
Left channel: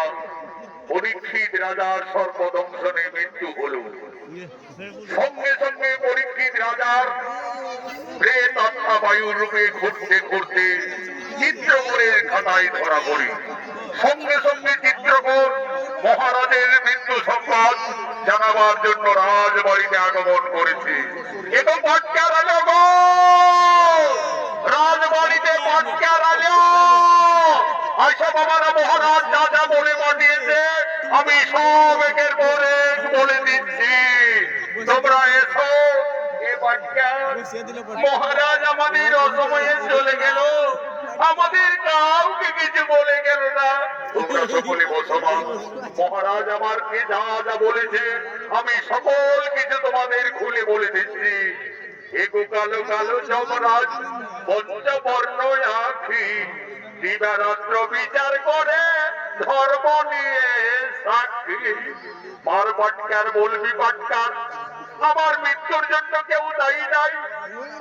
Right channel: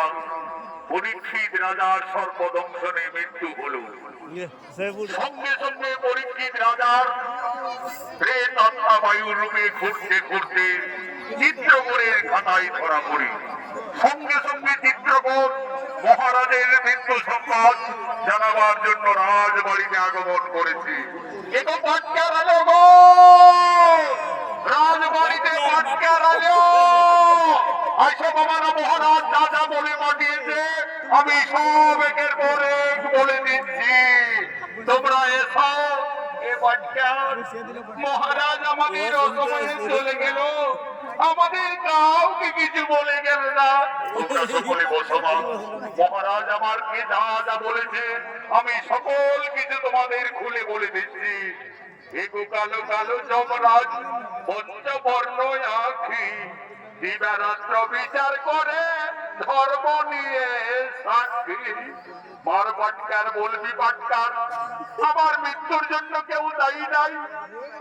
পরীক্ষিত রাজার সর্বদংশনে মৃত্যু হলো। সঙ্গে সঙ্গে পরীক্ষিত রাজার প্রেত আত্মা বায়ুর রূপে ঘুরতে ঘুরতে চিত্রকূটের খাতায় ধরা পড়ে। সঙ্গে সঙ্গে চিত্রকূট মহারাজের মৃত্যু সংবাদ জানাবার জন্য রাজবাড়িতে আগমন করেছে। এটা পাট্টা রাজা গো! রাজবাড়িতে পাট্টা রাজা! আচ্ছা বাবারা, মহারাজ যা যা বলে পাঠিয়েছে আমি সব একের পরে বলে দিচ্ছি, তোমরা এসো। মহারাজ আমাদের অসময়ে চলে গেল, আমাদের কাউকে কিছু বলে গেল না। তোমরা সকলে বসো। মহারাজ আমাকে যা যা বলেছে আমি সকল কিছু তোমাদের খুলে বলে দিচ্ছি। এগো কালো কালো যমরাজ পঞ্চবর্ণ আখি দিবারাত্র বিচার করে ধর্ম নিয়ে সাক্ষী। মার পাটকার বলবি পাটকার, আমার মৃত্যুর জন্য কেউ দায়ী নাই।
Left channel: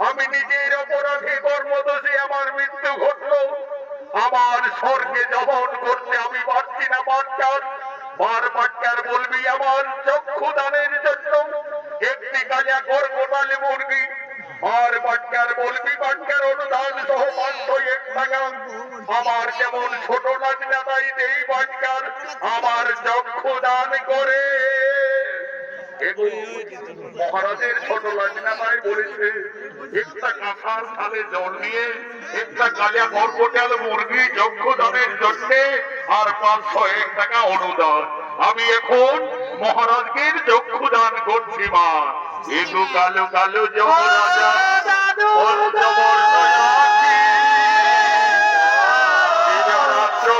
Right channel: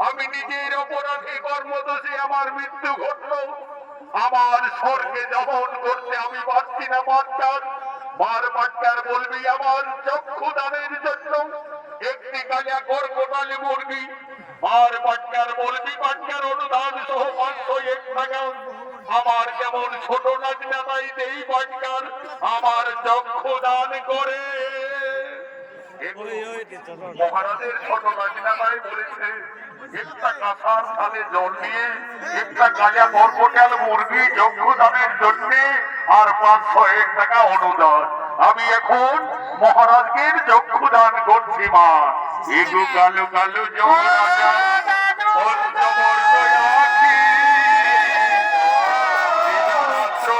আমি নিজের অপরাধে কর্মদোষে আমার মৃত্যু ঘটলো। আমার স্বর্গে দহন করতে আমি পারছি না পাটকার। মার পাটকার বলবি আমার চক্ষু দানের জন্য একটি গাঁজা কর্কটাল মুরগি। আর পাটকার বলবি পাটকার অনুদান সহ 501 টাকা। আমার যেমন ছোট নাচনা তাই দেই পাটকার, আমার চক্ষু দান করে। মহারাজের ছোট লাজনা তাই বলেছে একটা কাঁসার থালে জল নিয়ে একটা গাঁজা কর্কটাল মুরগি চক্ষু দানের জন্য আর 501 টাকা অনুদান। আমি এখন মহারাজকে চক্ষু দান করছি। মা এগো কালো কালো যমরাজা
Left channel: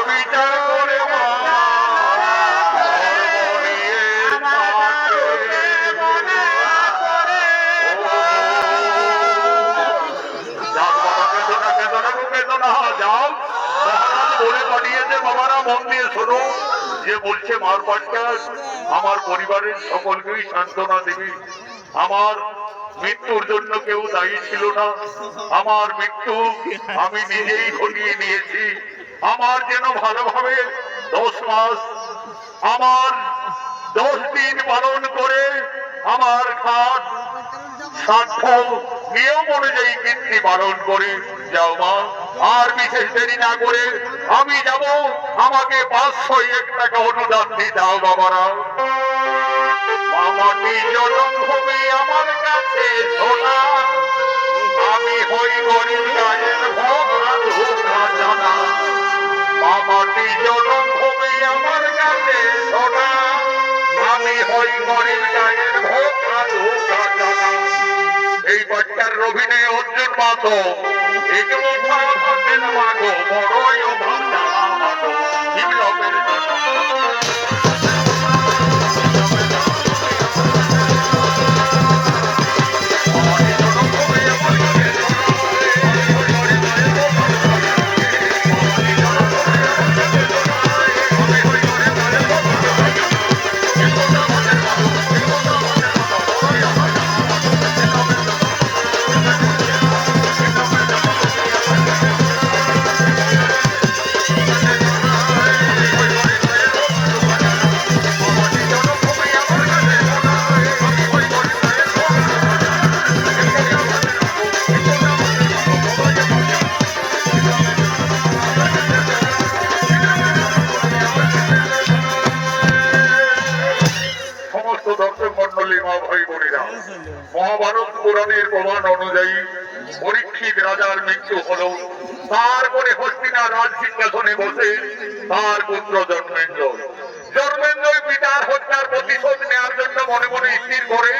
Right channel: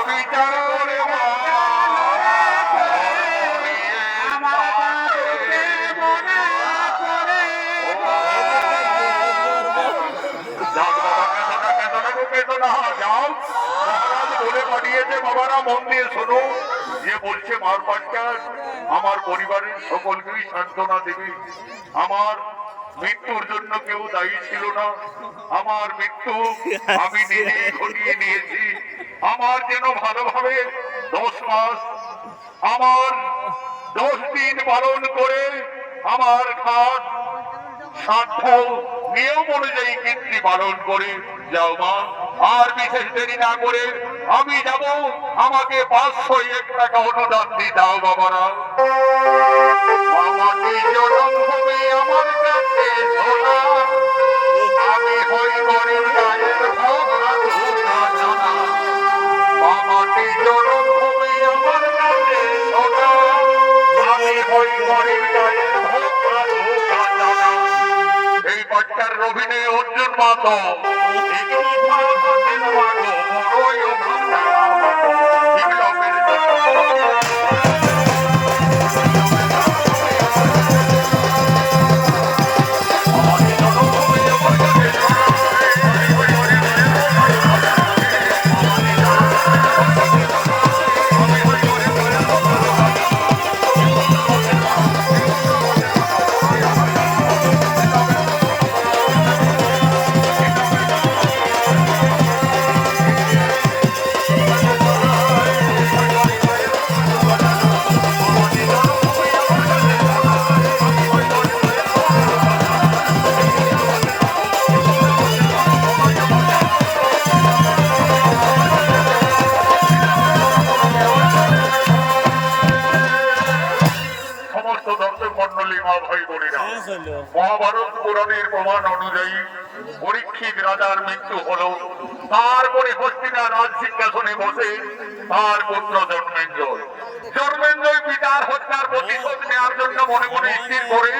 বিচার করে বলে পাঠিয়েছে। বাবারা মন দিয়ে শোনো, যে বলছে মার পাটকার আমার পরিবারের সকলকেই সান্ত্বনা দিবি। আমার মৃত্যুর জন্য কেউ দায়ী ছিল না, আমার মৃত্যু আমি নিজেই ঘটিয়ে নিয়েছি। আমার যেন ভালোভাবে 10 মাস আমার 10 দিন পালন করে আমার খাট সাধ্য নিয়ম অনুযায়ী কীর্তি পালন করে যাও মা। আর বিশেষ দেরি না করে আমি যাব, আমাকে 501 টাকা অনুদান দিয়ে দাও বাবারা। মামাটি জন্মভূমি আমার কাছে সোনা, আমি হই গরিব গায়ের জানা। মামাটি জন্মভূমি আমার কাছে সোনা, আমি হই গরিব গায়ের জানা। এই বাচ্চার অভিনয় অর্জুন মাতো এগুলো বড়ই মহাভারত পুরাণের প্রমাণ অনুযায়ী পরীক্ষিত রাজার মৃত্যু হলো। তারপরে হস্তিনার রাজ সিংহাসনে বসে তার পুত্র জন্মেঞ্জয়। জন্মেঞ্জয় পিতার হত্যার প্রতিশোধ নেওয়ার জন্য মনে মনে স্থির করে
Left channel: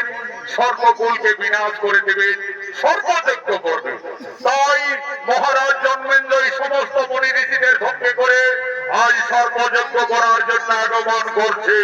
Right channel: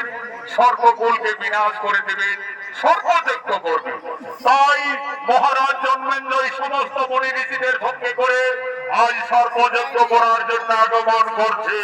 স্বর্গকুলকে বিনাশ করে দেবে, স্বর্গযজ্ঞ করবে। তাই মহারাজ জন্মেঞ্জয় সমস্ত মুনি ঋষিদের সঙ্গে করে আজ স্বর্গযজ্ঞ করার জন্য আগমন করছে।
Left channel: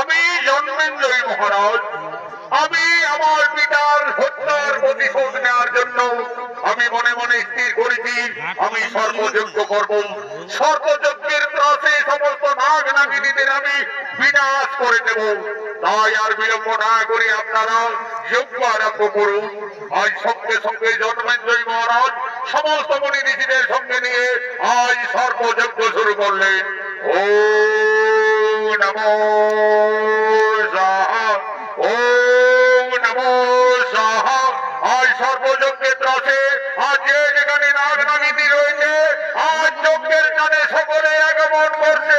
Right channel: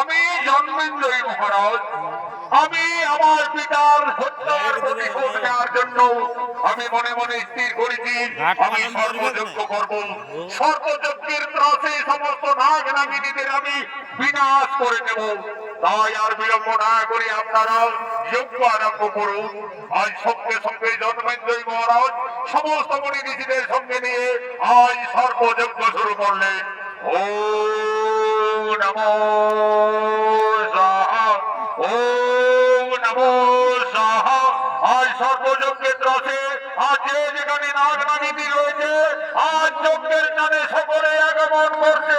আমি জন্মেঞ্জয় মহারাজ, আমি আমার পিতার হত্যার প্রতিশোধ নেওয়ার জন্য আমি মনে মনে স্থির করেছি আমি সর্বযজ্ঞ করব। সর্বযজ্ঞের ত্রাসে সমস্ত নাগ নাগিনীদের আমি বিনাশ করে দেব। তাই আর বিলম্ব না করে আপনারা যজ্ঞ আরম্ভ করুন। আজ সঙ্গে সঙ্গে জন্মেঞ্জয় মহারাজ সমস্ত মুনি ঋষিদের সঙ্গে নিয়ে আজ সর্বযজ্ঞ শুরু করলেন। ও নমো সাহা, ওম নমো সাহা। আজ সর্বযজ্ঞের ত্রাসে আজ যে যেখানে নাগ নাগিনী রয়েছে আজ যজ্ঞের টানে সকলে আগমন করছে।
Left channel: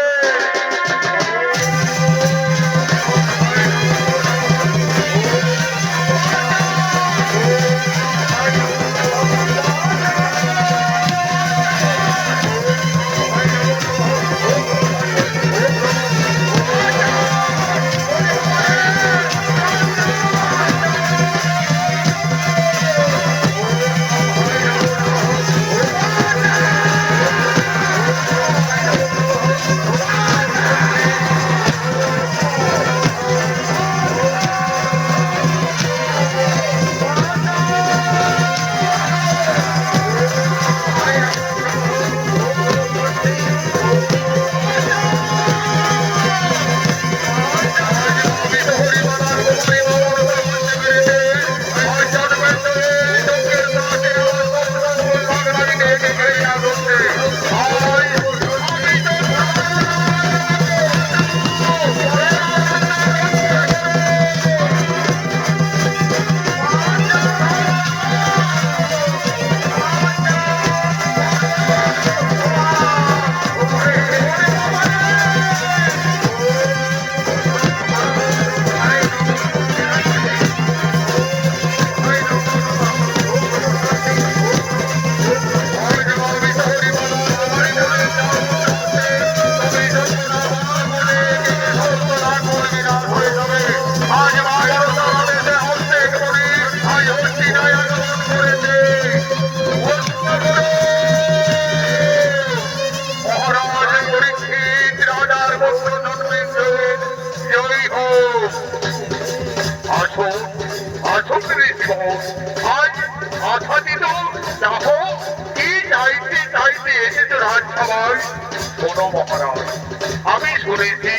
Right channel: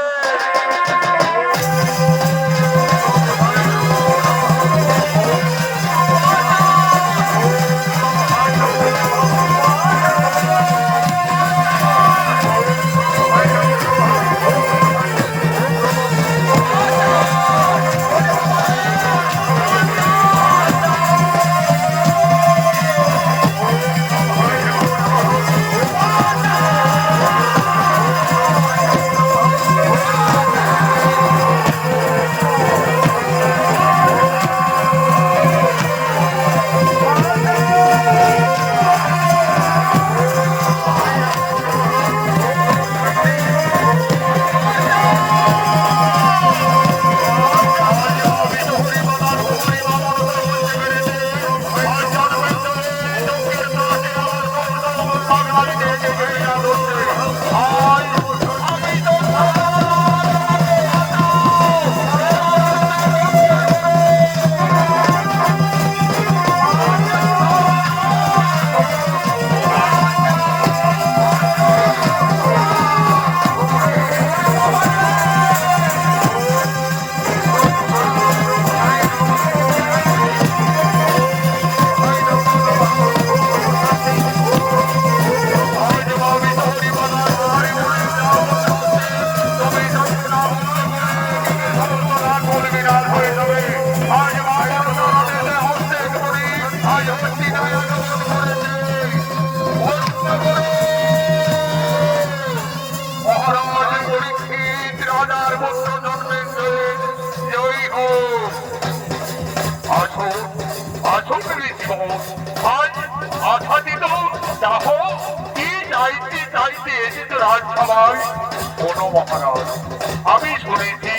আমি শুনেছি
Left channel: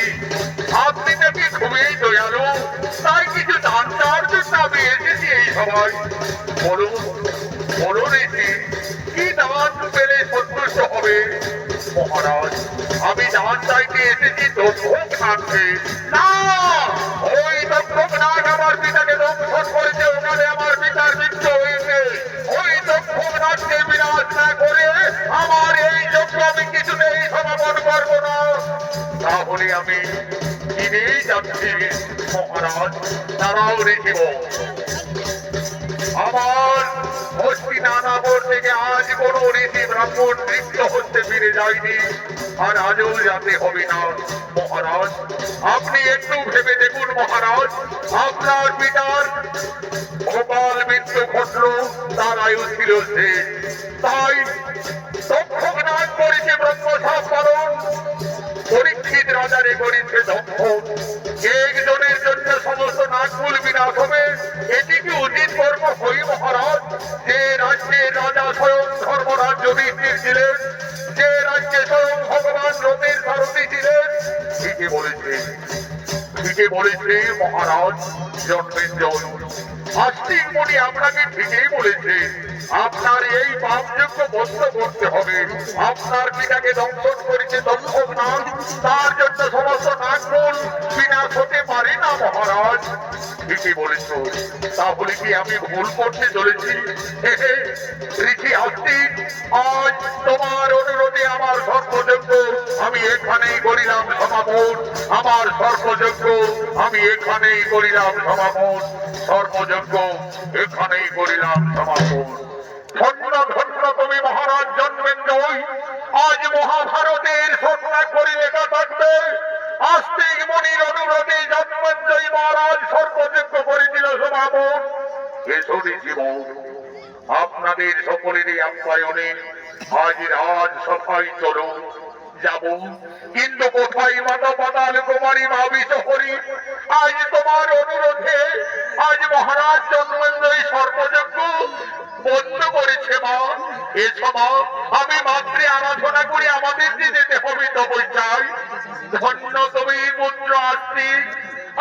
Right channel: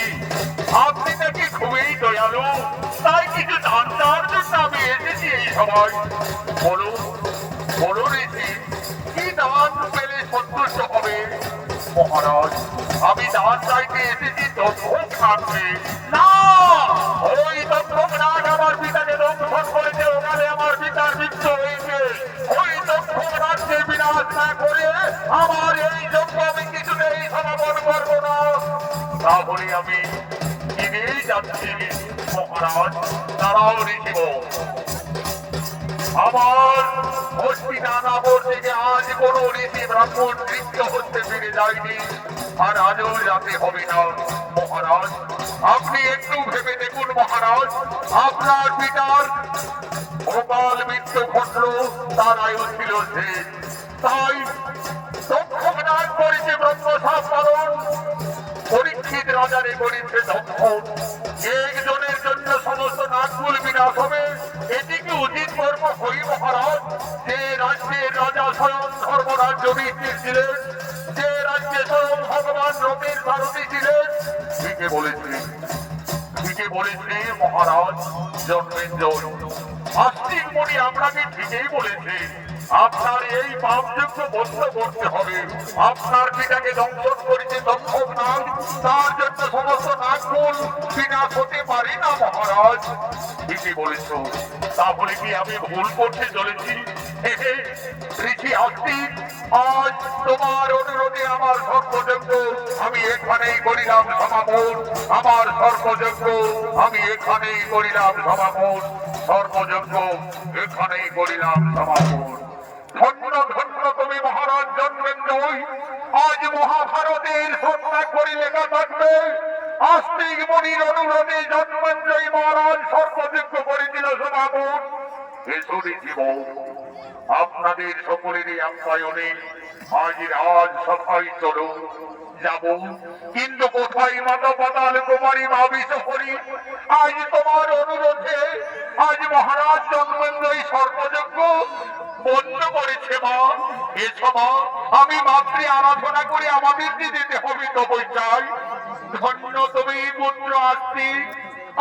আপনি নাকি খুবই দয়ালু, তাই কিছু দান দেওয়ার জন্য আমি এসেছি এই সবাই। বলুন বলুন ঋষি, কি দান পেলে সন্তুষ্ট হবে? মহারাজ, আমি দান চাইতে এসেছি দক্ষক নামকে। না, ওই দক্ষক নাগ আমার পিতাকে দংশন করেছে, ওখানে আমার পিতার মৃত্যু হয়েছে। ওই দক্ষক নাগকে বিনাশ না করে মহারাজ তারাও ঋষিব আমার হস্তিনাপুর থেকে আজ কোন ঋষি ব্রাহ্মণ নৃত্য হতে ফিরে যায়নি, আর আজও যাতে হবে না। মহারাজ আপনি একটু ভেবে দেখুন মহারাজ, আপনার পিতার গোপাল মৃত্যু ঘটল, তার আয়ু ছিল শেষ, তাই তক্ষক নাগ করেছে ব্রহ্মসাপ পালন, পরীক্ষিত রাজারে করেছে দক্ষ। একজনের জন্য সমস্ত নাগকুল বিনাশ হবে, এটিকে উচিত কর্ম হই মহারাজ। যে রাজ্যে রাজা স্বয়ং ধর্মরাজ যুধিষ্ঠির ছিলেন, যে রাজ্যে স্বয়ং ভগবান রূপের সারথী ছিলেন, ঠিকই বলেছে মহারাজ জন্মেঞ্জয়। আস্তিক মুনি আপনাকে ঠিকই বলেছে, আপনার এই পাপযোগ্য বন্ধ করতে হবে। আপনার পিতাকে দংশন করেছে দংশক নাগ, তার জন্য সমস্ত নাগকুল বিনাশ হতে পারে না মহারাজ। ঠিকই বলেছ, তাহলে কি আমি ভুল করতে চলেছি? ঋষি আস্তিক, আজ তোমার অনুরোধে আমার সর্বযজ্ঞ আমি এখানেই করিলাম সমাপন। আমার সর্বযজ্ঞ আমি এখানেই করিলাম সমাপন। সর্বযজ্ঞ এখানেই করিলাম সমাপন। ধন্য ধন্য তুমি মহারাজ জন্মেঞ্জয়। আজ মহাভারতের সন্ধ্যা করে লেখা থাকবে, আস্তিক মুনির অনুরোধে জন্মেঞ্জয় মহারাজ সর্বযজ্ঞ করেছিল সমাপন। এসো জীবন, আপনাদের সকলেরই আপ্যায়নে আজ রাজ সভায় চলো যাব, কিন্তু কোথায় মাতা পাতাল কুমারী ভাবিস করি। আজ তোমার অনুরোধে আজ মহারাজ জন্মেঞ্জয় সর্বযজ্ঞ বন্ধ করেছে মা। এসো মা, আমি মাতৃ আরাধনা করে আমাদের যেতে হবে তপস্যায়। ধন্য তুমি পুত্র আস্তিক,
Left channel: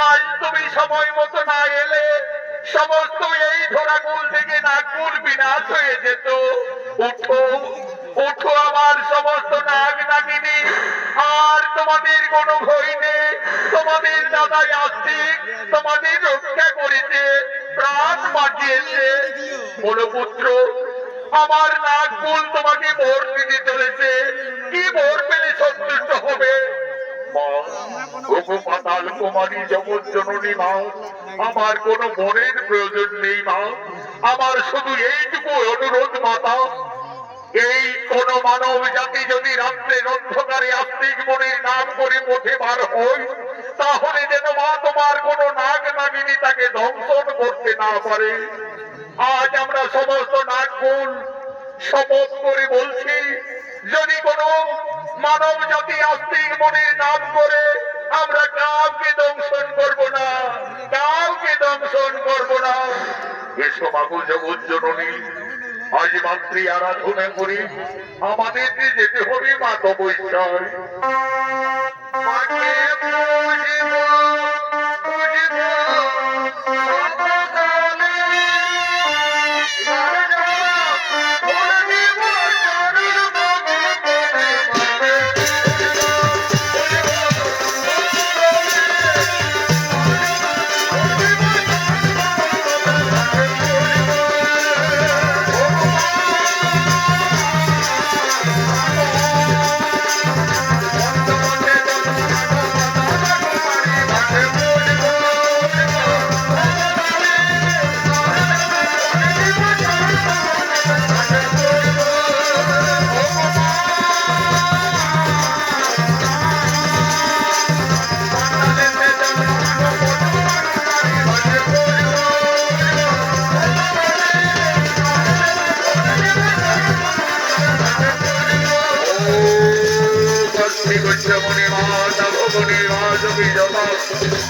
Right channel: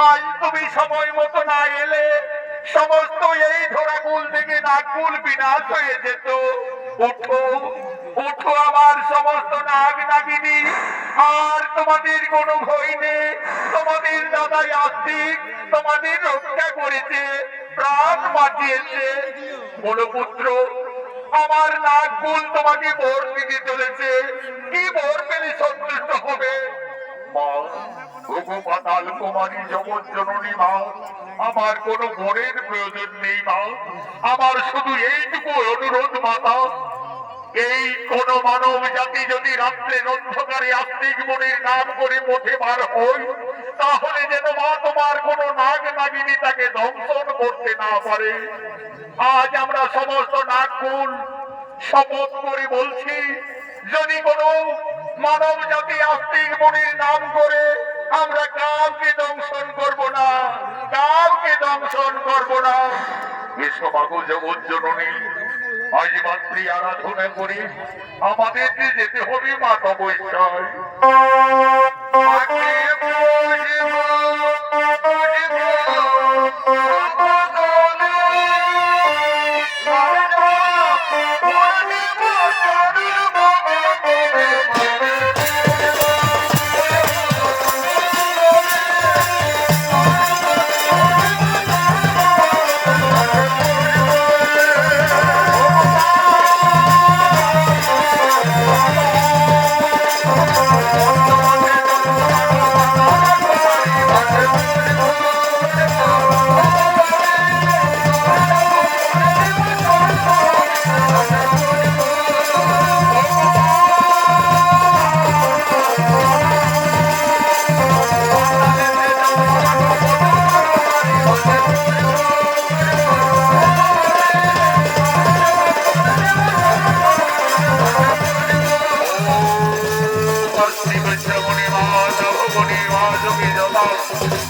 আজ তুমি সময় মতো না এলে সমস্ত এই ধরাকুল থেকে নাগকুল বিনাশ হয়ে যেত। উঠো উঠো আমার সমস্ত নাগ নাগিনী, আর তোমাদের কোনো ভয় নেই। তোমাদের দাদাই আস্তিক তোমাদের রক্ষা করেছে, প্রাণ বাঁচিয়েছে। বলো পুত্র, আমার নাগকুল তোমাকে ভোর দিতে চলেছে, কি ভোর পেলে সন্তুষ্ট হবে? পাতাল কুমারী জগৎ জননী মা, আমার কোনো বরের প্রয়োজন নেই মা। আমার শুধু এইটুকু অনুরোধ মাতা, এই কোন মানব জাতি যদি রাত্রের অন্ধকারে আস্তিক মুনির নাম করে পথে বার হই, তাহলে যেন মা তোমার কোন নাগ নাগিনী তাকে ধ্বংসন করতে না পারে। আজ আমরা সমস্ত নাগকুল শপথ করে বলছি, যদি কোন মানব জাতি আস্তিক মুনির নাম করে, আমরা কাউকে দংশন করব না, কাউকে দংশন করব না। এসো মাগো জগৎ জননী, আজ মাতৃ আরাধনা করি আমাদের যেতে হবে মা তপস্যায়।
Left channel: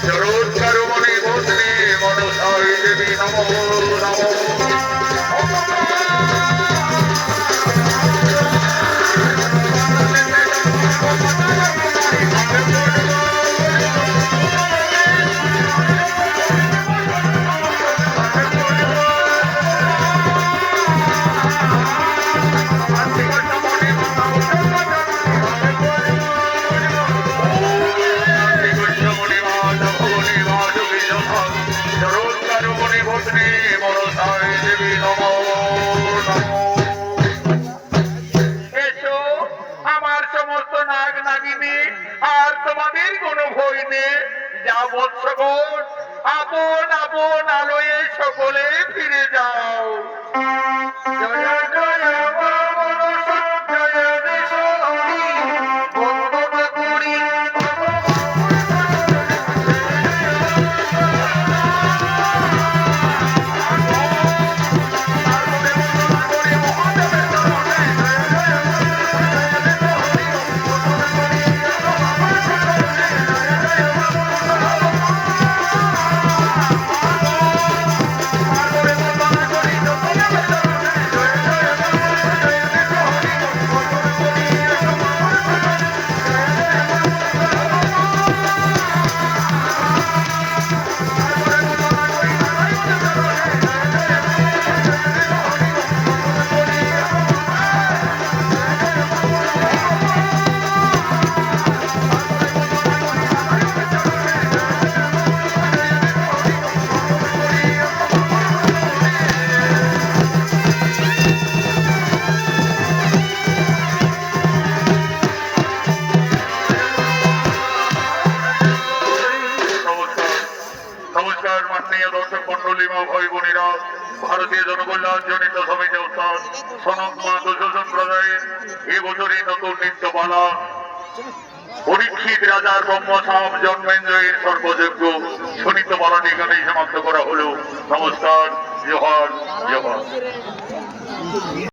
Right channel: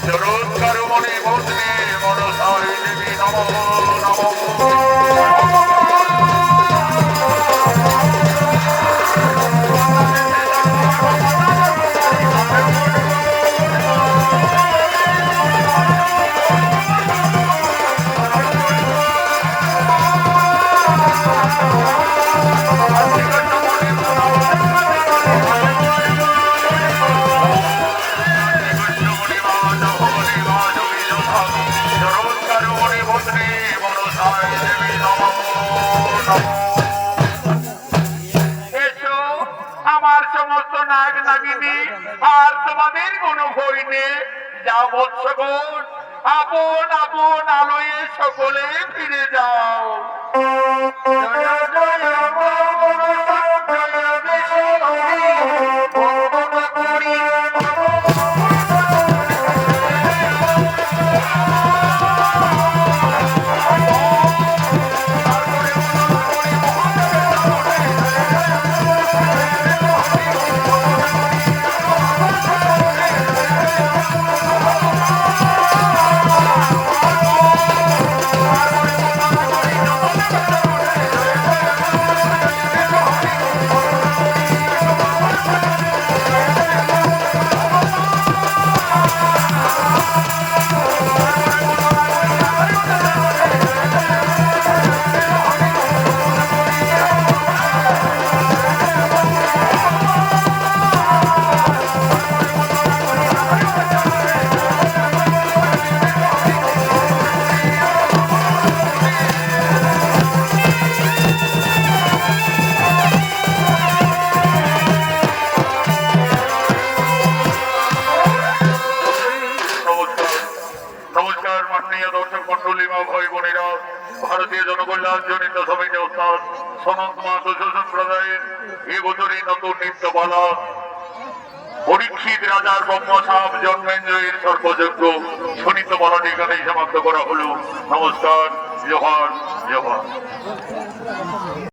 জরৎকার মনে বদলে মনসায় দেবী নমঃ নমঃ। যা বৎসগণ, আপন আপন আলোয়ে সকলে ফিরে যাও। জয় জয় মা মনসা জয় বিষ্ণু বন্দনা করি নমস্কার নমস্কার মাননীয় দর্শক মন্ডলী মা ভাই বোনেরা, ভারতীয় জনকল্যাণ জনিত সমিতি অর্থাৎ সনদ মা দুশো সম্প্রদায়ের এবছরই নতুন নৃত্যপালা পরীক্ষিত রাজার ব্রহ্মসাম জন্মেঞ্জয়ের সর্বযজ্ঞ সুনৃত্যপালাটি এখানেই সমাপ্ত করা হলো। নমস্কার, জোহার জোহার।